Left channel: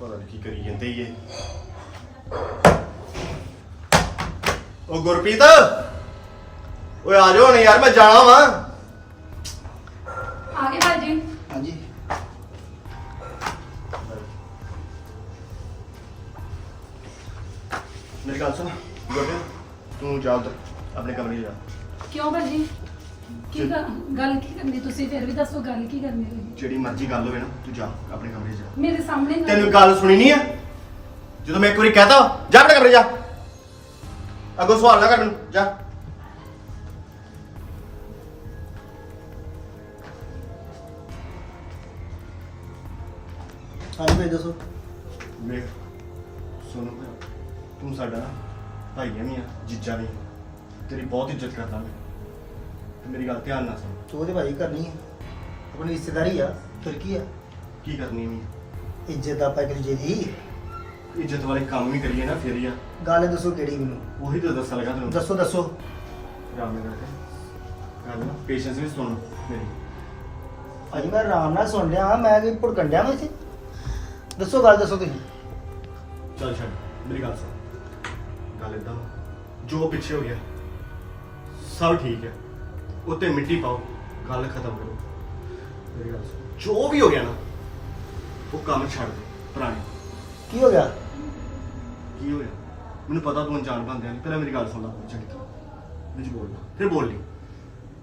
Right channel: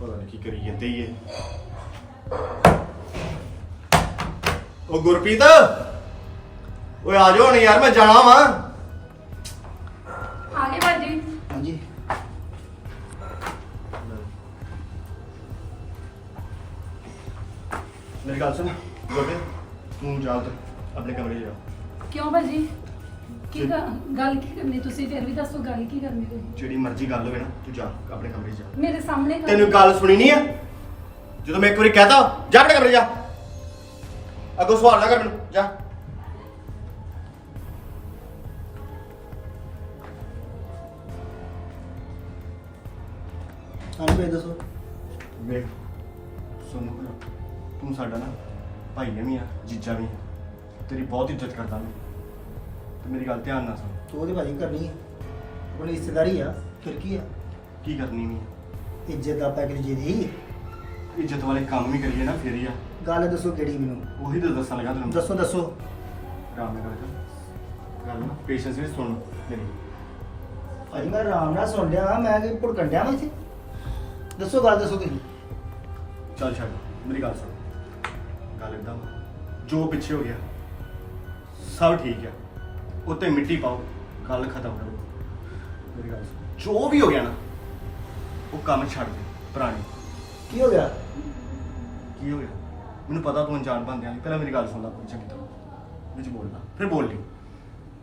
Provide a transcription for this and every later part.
ਪਤਾ ਨਹੀਂ ਕੀ ਕਰੀ ਜਾਂਦੇ ਹੀ ਇਹ ਉਹ ਗੁਰਪ੍ਰੀਤ ਓਏ ਆ ਜਾਓ ਹੁਣ ਯਾਰ ਮੈਂ ਜਾਣਾ ਵਾਂ। ਆ ਗਏ ਭਾਜੀ। ਹਾਂਜੀ। ਮੇਰੀ ਗੱਲ ਸੁਣ ਗੁਰਪ੍ਰੀਤ ਤੂੰ ਜਾ ਉੱਧਰ ਆਪਣੇ ਕਮਰੇ 'ਚ ਜਾ। ਕਿਉਂ ਭਾਜੀ? ਕੀ ਗ- ਗੱਲ ਕੀ ਕਰਨੀ ਤੁਸੀਂ? ਫਿਰ ਵੀ ਦੱਸੋ ਗੱਲ ਕੀ ਕਰਨੀ ਤੁਸੀਂ? ਜਿਹੜੀ ਮਰਜ਼ੀ ਗੱਲ ਹੋਵੇ ਨਾ ਤੂੰ ਜਾ ਆਪਣੇ ਕਮਰੇ 'ਚ ਜਾ। ਮੇਰੇ ਸਾਹਮਣੇ ਗੱਲ- ਤੈਨੂੰ ਗੱਲ ਸੁਣੀ ਨਹੀਂ ਆ? ਜਦੋਂ ਮੈਂ ਇੱਕ ਵਾਰੀ ਕਹਤਾ ਜਾ ਆਪਣੇ ਕਮਰੇ 'ਚ ਜਾ। ਅੱਗੋਂ ਸਵਾਲ ਨਾ ਕਰ ਮੈਨੂੰ ਜਾ। ਹਾਂਜੀ ਭਾਈ ਦੱਸੋ। ਵੇਖ ਸੁਣ ਭਰਾ ਤੂੰ ਸਾਡਾ ਨਾ ਭਾਈ ਵੀ ਆ ਜੀਜਾ ਵੀ ਆ। ਤੇਰੀ ਬਹੁਤ ਇੱਜ਼ਤ ਕਰਦਾ ਮੈਂ। ਮੇਰੀ ਗੱਲ ਧਿਆਨ ਨਾਲ ਸੁਣ। ਤੂੰ ਉਹਦੇ ਭਾਈ ਕਰਨੀ ਹੈ ਆਪਣੀ ਰਿਸ਼ਤੇਦਾਰੀ ਆ ਫਿਰ ਕੀ ਆ। ਕੀ ਕਰਨੀ ਨਹੀਂ ਇੱਜ਼ਤ ਆਪਾਂ ਕਰੀ ਜੀ ਇੱਜ਼ਤ ਵਾਲੇ ਕੰਮ ਵੀ ਕਰੀਏ ਨਾ ਫੇਰ ਹੀ ਆ। ਗੱਲ ਦੱਸੋ ਕਿਹੜੀ ਮੈਨੂੰ? ਉਹੀ ਤਾਂ ਦੱਸਣ ਲੱਗਾ ਤੈਨੂੰ। ਦੱਸੋ ਦੱਸੋ। ਆਰਾਮ ਨਾਲ ਕਰਕੇ। ਗੱਲ ਨਾ ਪੇਸ਼ੈਂਸ ਵੀ ਸੁਣ ਮੇਰੀ। ਭਾਜੀ ਮੈਂ ਆਰਾਮ ਨਾਲ ਸੁਣ ਲਿਆ ਮੈਂ ਕਿ ਭੁੜਕਣ ਡਿਆ ਮੈਂ ਇੱਥੇ। ਦੱਸੋ ਗੱਲ ਦੱਸੋ ਤੁਸੀਂ। ਚੱਲ ਛੱਡ ਮੇਰੀ ਗੱਲ ਸੁਣ। ਗੱਲ ਇਦਾਂ ਜੋ ਪਿੱਛੇ ਹੋ ਗਿਆ ਸਭ ਠੀਕ ਹੈ ਉੱਤੇ ਮਿੱਟੀ ਪਾਓ ਗੱਲ ਖਤਮ ਕਰੋ। ਮੇਰੀ ਗੱਲ ਸੁਣ। ਜੋ ਵੀ ਹੋ ਗਿਆ ਨਾ ਉਹ ਕੰਮ ਛੱਡ ਦੇ ਪੁਰਾਣੇ। ਕੀ ਹੋ ਗਿਆ? ਕੀ ਹੋਇਆ ਮੈਨੂੰ ਪਤਾ ਤੂੰ ਅਣਜਾਣ ਬੰਦਿਆਂ ਨਹੀਂ ਪਹਿਲਾਂ ਮੇਰੀ ਗੱਲ ਸੁਣ ਲੈ ਕੋਈ ਚੰਗੀ ਤਰ੍ਹਾਂ। ਵਿੱਚ ਬੋਲਣਾ ਫਿਰ ਬੋਲ ਲਈ।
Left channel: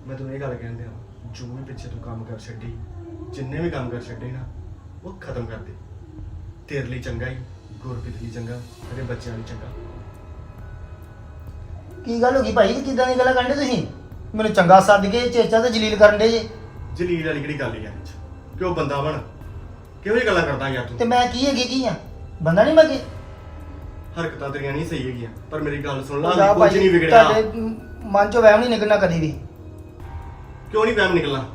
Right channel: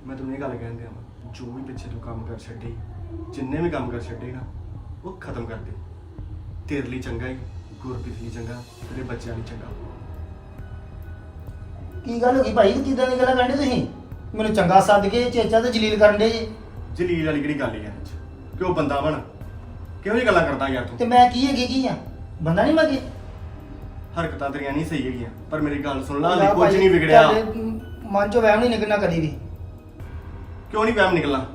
ਮੈਂ ਤੈਨੂੰ ਇਹ ਗੱਲ ਕਹਿੰਦੇ ਆ ਜੋ ਵੀ ਪਿੱਛੇ ਤੂੰ ਕੰਮ ਕਰ ਛੱਡੇ ਜਿੰਨੇ ਵੀ ਕੰਮ ਕਰ ਛੱਡੇ ਨਾ ਉਹ ਖਤਮ ਕਰ ਦੇ। ਤੇਰੇ ਲਈ ਚੰਗਾ ਹੀ ਗੁਰਪ੍ਰੀਤ ਲਈ ਚੰਗਾ ਤੇਰੇ ਬੱਚਿਆਂ ਲਈ ਚੰਗਾ। ਕੀ ਗੱਲ ਹੋ ਗਈ ਭਾਈ? ਕਿਦਾਂ ਦੀ ਗੱਲਾਂ ਕਰਦੇ ਤੁਸੀਂ? ਮੈਨੂੰ ਚੰਗਾ ਸੱਦ ਕੇ ਚੇਚਾ ਤੇ ਜਲੀਲ ਕਰਨ ਦੇ ਜੀ। ਜਲੀਲ ਵਾਲੀ ਕਿਹੜੀ ਗੱਲ ਯਾਰ 'ਚ? ਕਿਉਂ ਬੰਦਾ ਬਣ? ਕਿਹੋ ਜਿਹੀ ਗੱਲਾਂ ਕਰਦਾ ਯਾਰ ਤੇ? ਤੂੰ ਮੈਂ ਕੀ ਹੈਗੀ ਕੀ ਆ? ਬੰਦਾ ਨਹੀਂ ਮੈਂ ਕੀ ਹਰਕਤਾਂ ਤੇਰੀਆਂ ਨਹੀਂ ਸਹੀ ਹੈਗੀਆਂ ਪਰ ਮੇਰੀ ਗੱਲ ਸੁਣ ਲਾ ਹਾਲੇ ਕੁਝ ਨਹੀਂ ਵਿਗੜਿਆ। ਤੁਹਾਡੇ ਮਨ ਚੋਂ ਵਹਿਮ ਨਹੀਂ ਨਿਕਲਣਾ ਕਦੀ ਵੀ। ਕਿਉਂ ਨਹੀਂ ਵਹਿਮ ਨਿਕਲਣਾ?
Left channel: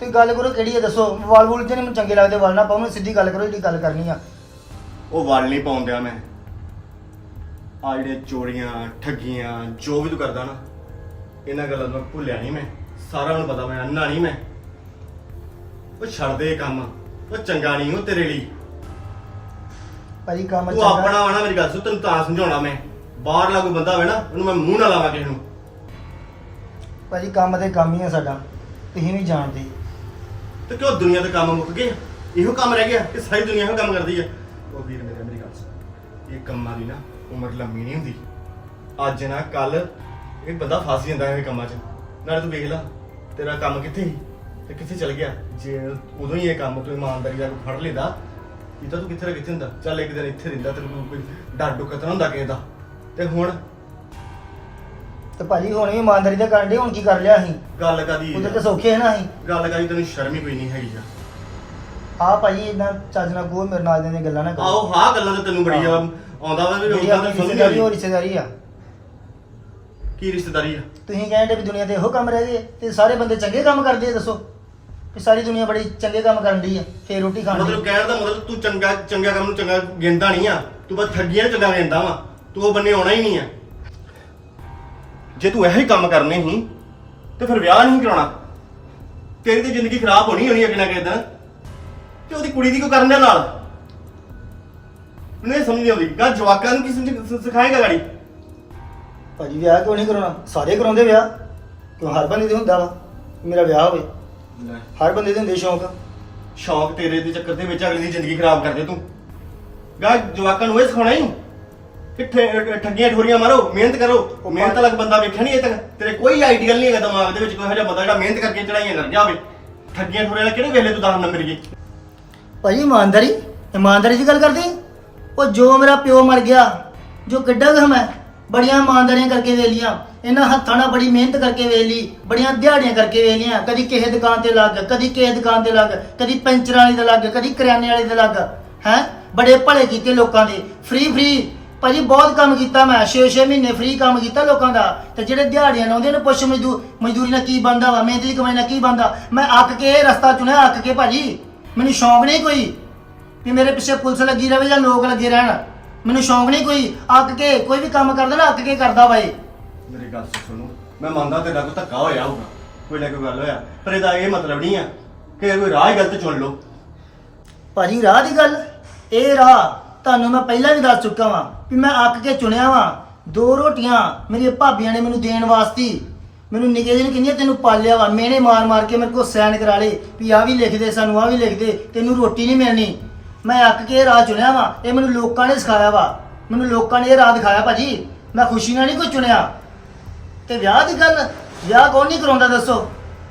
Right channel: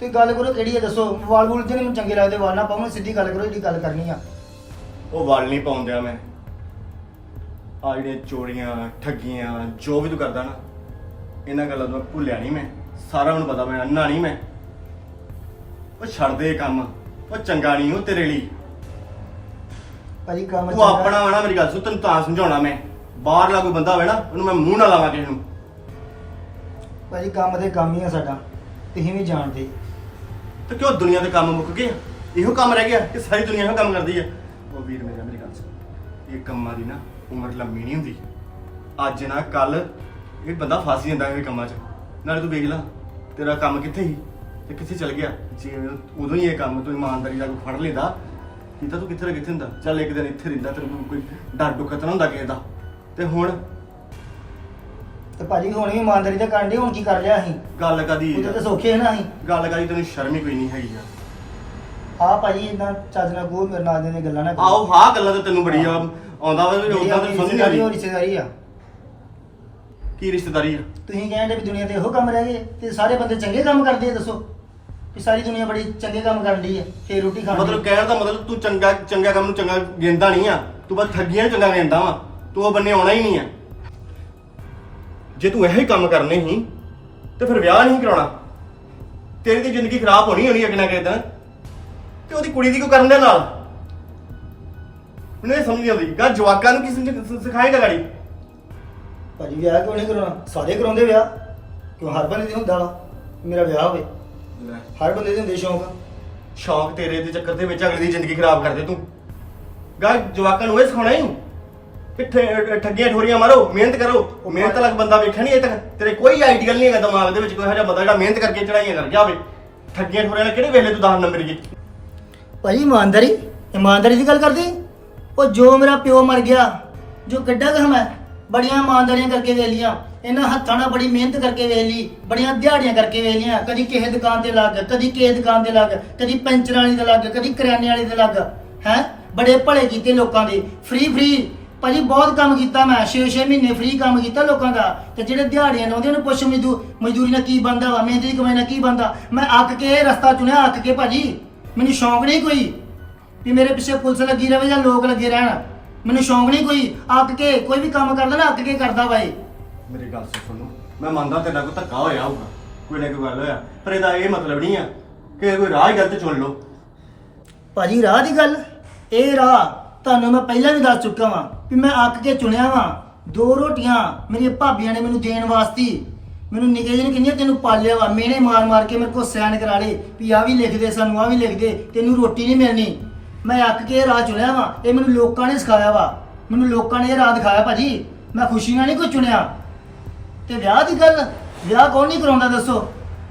ਤੇ ਗੱਲ ਕਰੋ ਕਿਹੜੀ ਹੈ ਦੱਸੋ। ਵਾਲ ਵੂਲ ਜਿਹਨੇ ਮੈਨੂੰ ਚੰਗੇ ਲੱਗਦੇ? ਵਾਲ ਨਾ ਪਾਉਣ ਸਿੱਧੀ ਗੱਲ ਕਰੋ ਜਿਹੜੀ ਗੱਲ ਕਰਨੀ ਆ। ਉਹ ਵਲ ਨਹੀਂ ਪਾਉਂਦਿਆ ਮੈਂ। ਆ ਜਿਹੜੇ ਚੋਰੀਆਂ ਠੱਗੀਆਂ ਜੋ ਵੀ ਤੂੰ ਕਰਦਾ ਨਾ ਇਹਨਾਂ ਗੱਲਾਂ ਤੋਂ ਮੈਂ ਭੁੱਲਿਆ ਨਹੀਂ ਮੈਂ। ਸਾਰਾ ਮੈਨੂੰ ਪਤਾ ਮੈਂ ਅੰਨਾ ਨਹੀਂ ਮੈਂ। ਉਹ ਛੱਡ ਦੇ ਇਹ ਕੰਮ ਉਹ ਚੰਗਾ ਨਹੀਂ ਉਹ ਤੇਰੇ ਲਈ। ਭਾਜੀ ਕੰਮ ਤੂੰ ਚੰਗਾ- ਆਪਣਾ ਵਣਾ ਮੇਰੀ ਗੱਲ ਸੁਣ ਤੈਨੂੰ ਤਾਂ ਸਮਝਾਉਣਾ ਮੈਂ। ਬਾਹਰਲਾ ਕੋਈ ਬੰਦਾ ਹੋਵੇ ਨਾ ਉਹਨੂੰ ਮੈਂ ਮੂੰਹ ਨਾ ਲਾਵਾਂ ਕਿਸੇ ਨੂੰ। ਭਾਜੀ ਕੰਮ ਤੇ ਕੰਮ ਹੀ ਆ ਸਾਡਾ। ਤੁਸੀਂ ਵੀ ਜਾਣਦੇ। ਤੇ ਕਿਉਂ ਦੁਨੀਆ ਦੇ ਕੰਮ ਮੁੱਕ ਗਏ ਆ? ਇਹੋ ਕੰਮ ਰਹਿ ਗਿਆ ਕਿ ਸਾਰੀ ਦੁਨੀਆ ਇਹੋ ਕੰਮ ਕਰਦੀ ਆ? ਉਹ ਵੀਰ ਮੇਰੇ ਮੇਰੀ ਗੱਲ ਸੁਣ। ਇਹ ਕੰਮਾਂ ਦੀ ਨਾ ਉਮਰ ਲੰਮੀ ਨਹੀਂ ਹੁੰਦੀ। ਅੱਜ ਨਾ ਕੱਲ ਇਹ ਬੰਦਾ ਫਸ ਜਾਂਦਾ ਇਹ ਕੰਮਾਂ 'ਚ। ਨਾਲੇ ਤੂੰ ਵੇਖ ਲੈ ਤੇਰਾ ਕੰਮ ਕਿੱਥੇ ਸੀ? ਤੇ ਕਿੱਥੇ ਚਲ ਗਿਆ? ਜੇ ਉਦੋਂ ਹੀ ਇਹ ਕੰਮ ਤੂੰ ਇਮਾਨਦਾਰੀ ਦਾ ਫੜ ਲੈਂਦਾ ਕੀ ਤਾਂ ਤੂੰ ਕਿੱਥੇ ਦਾ ਕਿੱਥੇ ਹੁੰਦਾ? ਚੱਲ ਇੱਕ ਦਿਨ ਇੱਥੇ ਰਹਿੰਦਾ ਤੈਨੂੰ ਕੋਈ ਡਰ ਡੁੱਕਤ ਨਾ ਹੁੰਦਾ ਕਿਸੇ ਦਾ। ਤੇ ਹੁਣ? ਤੇ ਭਾਜੀ ਹੁਣ ਵੀ ਇਮਾਨਦਾਰੀ ਦਾ ਕਰਨ ਦੇ ਹੁਣ ਕੀ ਕਰ ਲਿਆ ਅਸੀਂ? ਗੱਲ ਕਦੀ ਉਹਦੇ ਤੇ ਸੌਖੇ ਹੈ ਨਾ ਅਸੀਂ? ਗੱਲ ਕਦੀ ਤੈਨੂੰ ਸ਼ਰਮ ਹੀ ਕੋਈ ਨਹੀਂ ਹੈਗੀ ਆ ਆ ਭਾਜੀ ਇਦਾਂ ਚੱਜ ਨਾਲ ਕੋ ਮੇਰੇ ਨਾਲ ਦੀਆਂ ਗੱਲਾਂ ਨਾ ਕਰੋ। ਆਓ ਹਾਂ ਗੱਲਾਂ ਤੇ ਤੈਨੂੰ ਬੜੀ ਆਉਂਦਾ ਵਾ ਉਦਾਂ ਤਾਂ ਸਮਝ ਨਹੀਂ ਆਉਂਦੀ ਰਿਸ਼ਤੇਦਾਰੀ ਆ। ਕੀ ਰਿਸ਼ਤੇਦਾਰੀ ਆ? ਤੁਸੀਂ ਕਹਿੰਦੇ ਵੀ ਦੁਨੀਆ ਤੇ ਇਹੋ ਕੰਮ ਰਹਿ ਗਏ ਤੇ ਸਾਰੇ ਬੰਦੇ ਚੰਗੇ ਕੰਮ ਕਰਦੇ ਆ ਦੱਸੋ। ਕਿ ਸਾਰੀ ਦੁਨੀਆ ਬੜੀ ਚੰਗੇ ਕੰਮ ਕਰਨ ਦੀ ਆ ਫੇਰ ਰੋਟੀ ਖਾਣ ਮਤਲਬ ਕਹਿਣ ਦਾ ਮਤਲਬ ਤੂੰ ਚੰਗਾ ਚੰਗਾ ਕੰਮ ਨੂੰ ਚੰਗਾ ਗਿਣਦਾ ਨਹੀਂ ਆ। ਤੂੰ ਬਸ ਠੱਗੀਆਂ ਨੂੰ ਚੰਗਾ ਗਿਣਦਾ ਵਾ। ਤੂੰ ਉਹ ਬੰਨੇ ਆਉਣਾ ਹੀ ਨਹੀਂ ਆ। ਜੇ ਤੂੰ ਇਹੋ ਹੀ ਕੰਮ ਕਰਨੇ ਸੀ ਤੇ ਫਿਰ ਵਿਆਹ ਨਹੀਂ ਕਰਾਉਣਾ। ਤੇਰੀ ਤੇ ਜ਼ਿੰਦਗੀ ਖਰਾਬ ਹੋਣੀ ਹੋਣੀ ਅਗਲੇ ਨਾ ਦਿਨ। ਤੇ ਉਹਦੀ ਕੁੜੀ ਦੀ ਕਿਉਂ ਕਰਨ ਦੇ ਨਾਲ? ਮੈਨੂੰ ਇਹ ਸਮਝ ਨਹੀਂ ਆਉਂਦੀ। ਗਾ ਜਵਾਕਾਂ ਨੂੰ ਕੀ ਸਮਝ- ਸਿਖਾਏਗਾ ਗਾੜੀ? ਭਾਜੀ ਵਿਆਹ ਕਿਉਂ ਨਹੀਂ ਕਰਾਉਣਾ? ਸਾਰੇ ਕਰਾਉਂਦੇ ਵਿਆਹ। ਕਿਉਂ ਹਰ ਬੰਦੇ ਦੇ ਹੁੰਦਾ ਵਾ? ਮੇਰਾ ਵਿਆਹ ਹੋਵੇ। ਹਰ ਬੰਦੇ ਦੇ ਹੁੰਦੇ ਸ਼ੌਂਕ। ਸ਼ੌਂਕ ਤੇਰੇ ਦੇ ਚੱਕਰ ਦੇ ਵਿੱਚ ਅਗਲੀ ਦੀ ਜ਼ਿੰਦਗੀ ਖਰਾਬ ਕਰਦੇ ਤੂੰ। ਗਾ ਜਵਾਕਾਂ ਨੂੰ ਇਹ ਸਿਖਾਉਣਾ ਹੀ ਕਿ ਠ- ਠੱਗੀਆਂ ਠੋਰੀਆਂ ਮਾਰੋ ਮਿਹਨਤ ਕਰੋ। ਮਿਹਨਤ ਵਾਲਾ ਬੰਦਾ ਵੇਖਿਆ ਨਹੀਂ ਅਜੇ ਤੱਕ? ਤੇਰੇ ਕੋਈ ਆਈਡੀਅਲ ਨਹੀਂ ਹੈਗਾ ਦਿਮਾਗ ਦੇ ਵਿੱਚ ਕੋਈ ਇਹੋ ਜਿਹਾ ਬੰਦਾ ਜਿਹੜਾ ਮਿਹਨਤ ਕਰਕੇ ਚੜਾਈਆਂ ਕਰ ਜਾਵੇ। ਠੱਗੀਆਂ ਠੋਰੀਆਂ ਵਾਲੇ ਕਿਹੜੇ ਵੇਲੇ ਤੂੰ 10 ਨੰਬਰ ਜੀ? ਭਾਜੀ ਇਮਾਨਦਾਰੀ ਇਮਾਨਦਾਰੀ ਦੀ ਗੱਲ ਕਰਦੇ? ਉਹ ਜੋ ਮੇਰਾ ਪਿਓ ਮਰ ਗਿਆ ਜੋ ਕਿੱਡਾ ਕੁ ਮੈਂ ਬੜੀਆਂ ਇਮਾਨਦਾਰੀਆਂ ਕਰਕੇ ਵੇਖ ਲੀਆਂ ਇਹਨਾਂ ਹੱਥਾਂ ਨਾਲ ਬੜੀ ਮਿਹਨਤ ਕਰਕੇ ਵੇਖ ਲਈ, ਬੜੀਆਂ ਦਿਹਾੜੀਆਂ ਕਰਕੇ ਵੇਖ ਲੀਆਂ ਕਦੀ ਕਿਸੇ ਦੁਕਾਨ ਤੇ ਲੱਗ, ਕਦੀ ਕਿਸੇ ਦੁਕਾਨ ਤੇ ਲੱਗ, ਕਦੀ ਪੈਂਚਰ ਵਾਲੀ ਦੇ ਲੱਗ, ਕਦੀ ਕਰਿਆਨੇ ਵਾਲੇ ਦੇ ਲੱਗ, ਹੈ? ਬੜੇ ਭਲੇ ਕੀਤੇ ਲੋਕਾਂ ਦੇ ਫ੍ਰੀ ਫ੍ਰੀ ਭਾਜੀ ਬਹੁਤ ਕੰਮ ਕੀਤਾ ਮੈਂ 6-6 ਮਹੀਨੇ ਫ੍ਰੀ ਕੰਮ ਕੀਤਾ ਲੋਕਾਂ ਦਾ, ਤੇ ਜਿਹੜੇ ਦਿਹਾੜੀਆਂ ਲਾਉਂਦੇ ਨੇ, ਪੁੱਛ ਮਜ਼ਦੂਰ ਮਜ਼ਦੂਰੀ ਨਾਲ ਕੀ ਬੰਦਾ ਵਾ, ਮਿਹਨਤ ਦੀ ਕਮਾਈ ਨਾਲ ਕੀ ਬੰਦਾ ਮੈਂ ਅੱਕ ਕੇ ਇਹ ਰਸਤਾ ਚੁਣਿਆ, ਅੱਕ ਕੇ ਭਾਜੀ, ਮੈਨੂੰ ਸ਼ੌਂਕ ਨਹੀਂ ਕੋਈ, ਵੀ ਮੇਰੇ ਪਿੱਛੇ ਪੁਲਿਸ ਲੱਗੀ ਰਹੇ ਜਾਂ ਲੋਕ ਲੱਗੇ ਰਹਿਣ। ਮੈਨੂੰ ਸ਼ੌਂਕ ਨਹੀਂ ਕੋਈ ਅੱਕ ਕੇ ਕੋਈ ਵੀ ਕੰਮ ਕਰਦਾ ਨਾ ਅੱਕ ਕੇ ਕਰਦਾ ਵਾ ਇਹ। ਮੇਰੀ ਗੱਲ ਸੁਣ ਸੁਣੋ ਮੈਂ ਮੰਨਦਾ ਤੇਰਾ ਕੋਈ ਧੱਕਾ ਹੋਇਆ ਹੋਊਗਾ ਕੋਈ ਨਾ ਕੋਈ ਗੱਲ ਹੋਇਆ ਪਰ ਇਹਦਾ ਇਹ ਮਤਲਬ ਨਹੀਂ ਆ ਕਿ ਕੋਈ ਰਾਹ ਹੀ ਗਲਤ ਚੁਣ ਲਓ। ਭਾਜੀ ਰਾਹ ਦੀ ਗੱਲ? ਇਹ ਰਾਹ ਤੁਹਾਨੂੰ ਮੈਂ ਪਹਿਲਾਂ ਵੀ ਦੱਸ ਚੁੱਕਾ ਵਾਂ ਕਿ ਮੈਂ ਅੱਕ ਕੇ ਚੁਣਿਆ ਵਾਂ। ਦੋ ਰੋਟੀਆਂ ਮੇਰੀਆਂ ਭਾਬੀਆਂ ਨੇ ਮੈਨੂੰ ਦੇਣ ਵਾਸਤੇ। ਮੈਨੂੰ ਨਿੱਕੇ ਜਿਹੇ ਨੂੰ ਕਹਿੰਦੀਆਂ ਤੈਨੂੰ ਪਾਲਿਆ ਵਾ। ਮੇਨੇ ਮਾਰ ਮਾਰ ਕੇ ਮੇਰੇ ਕੋਲ ਸਾਈਨ ਕਰਾ ਲੇ ਵੀ ਆ ਵੀ ਲਿਖ ਦੇ ਸਾਨੂੰ ਆ ਵੀ ਲਿਖ ਦੇ ਤੈਨੂੰ ਰੋਟੀ ਨਹੀਂ ਮਿਲਣੀ। ਮੈਂ ਅੱਕ ਕੇ ਇਹ ਰਾਹ ਚੁਣਿਆ ਵਾ, ਇਹ ਮੈਨੂੰ ਲੋਕਾਂ ਨੇ ਸਿਖਾਇਆ ਵਾ। ਮੈਨੂੰ ਲੋਕਾਂ ਨੇ ਇਹ ਰਾਹ ਦਿਖਾਇਆ ਭਾਜੀ। ਮੈਂ ਖੁਸ਼ੀ ਨਾਲ ਨਹੀਂ ਕੋਈ ਚੁਣਿਆ। ਤੇ ਵਿਆਹ ਦੀ ਗੱਲ, ਵਿਆਹ ਕੌਣ ਨਹੀਂ ਕਰਾਉਂਦਾ ਦੱਸੋ?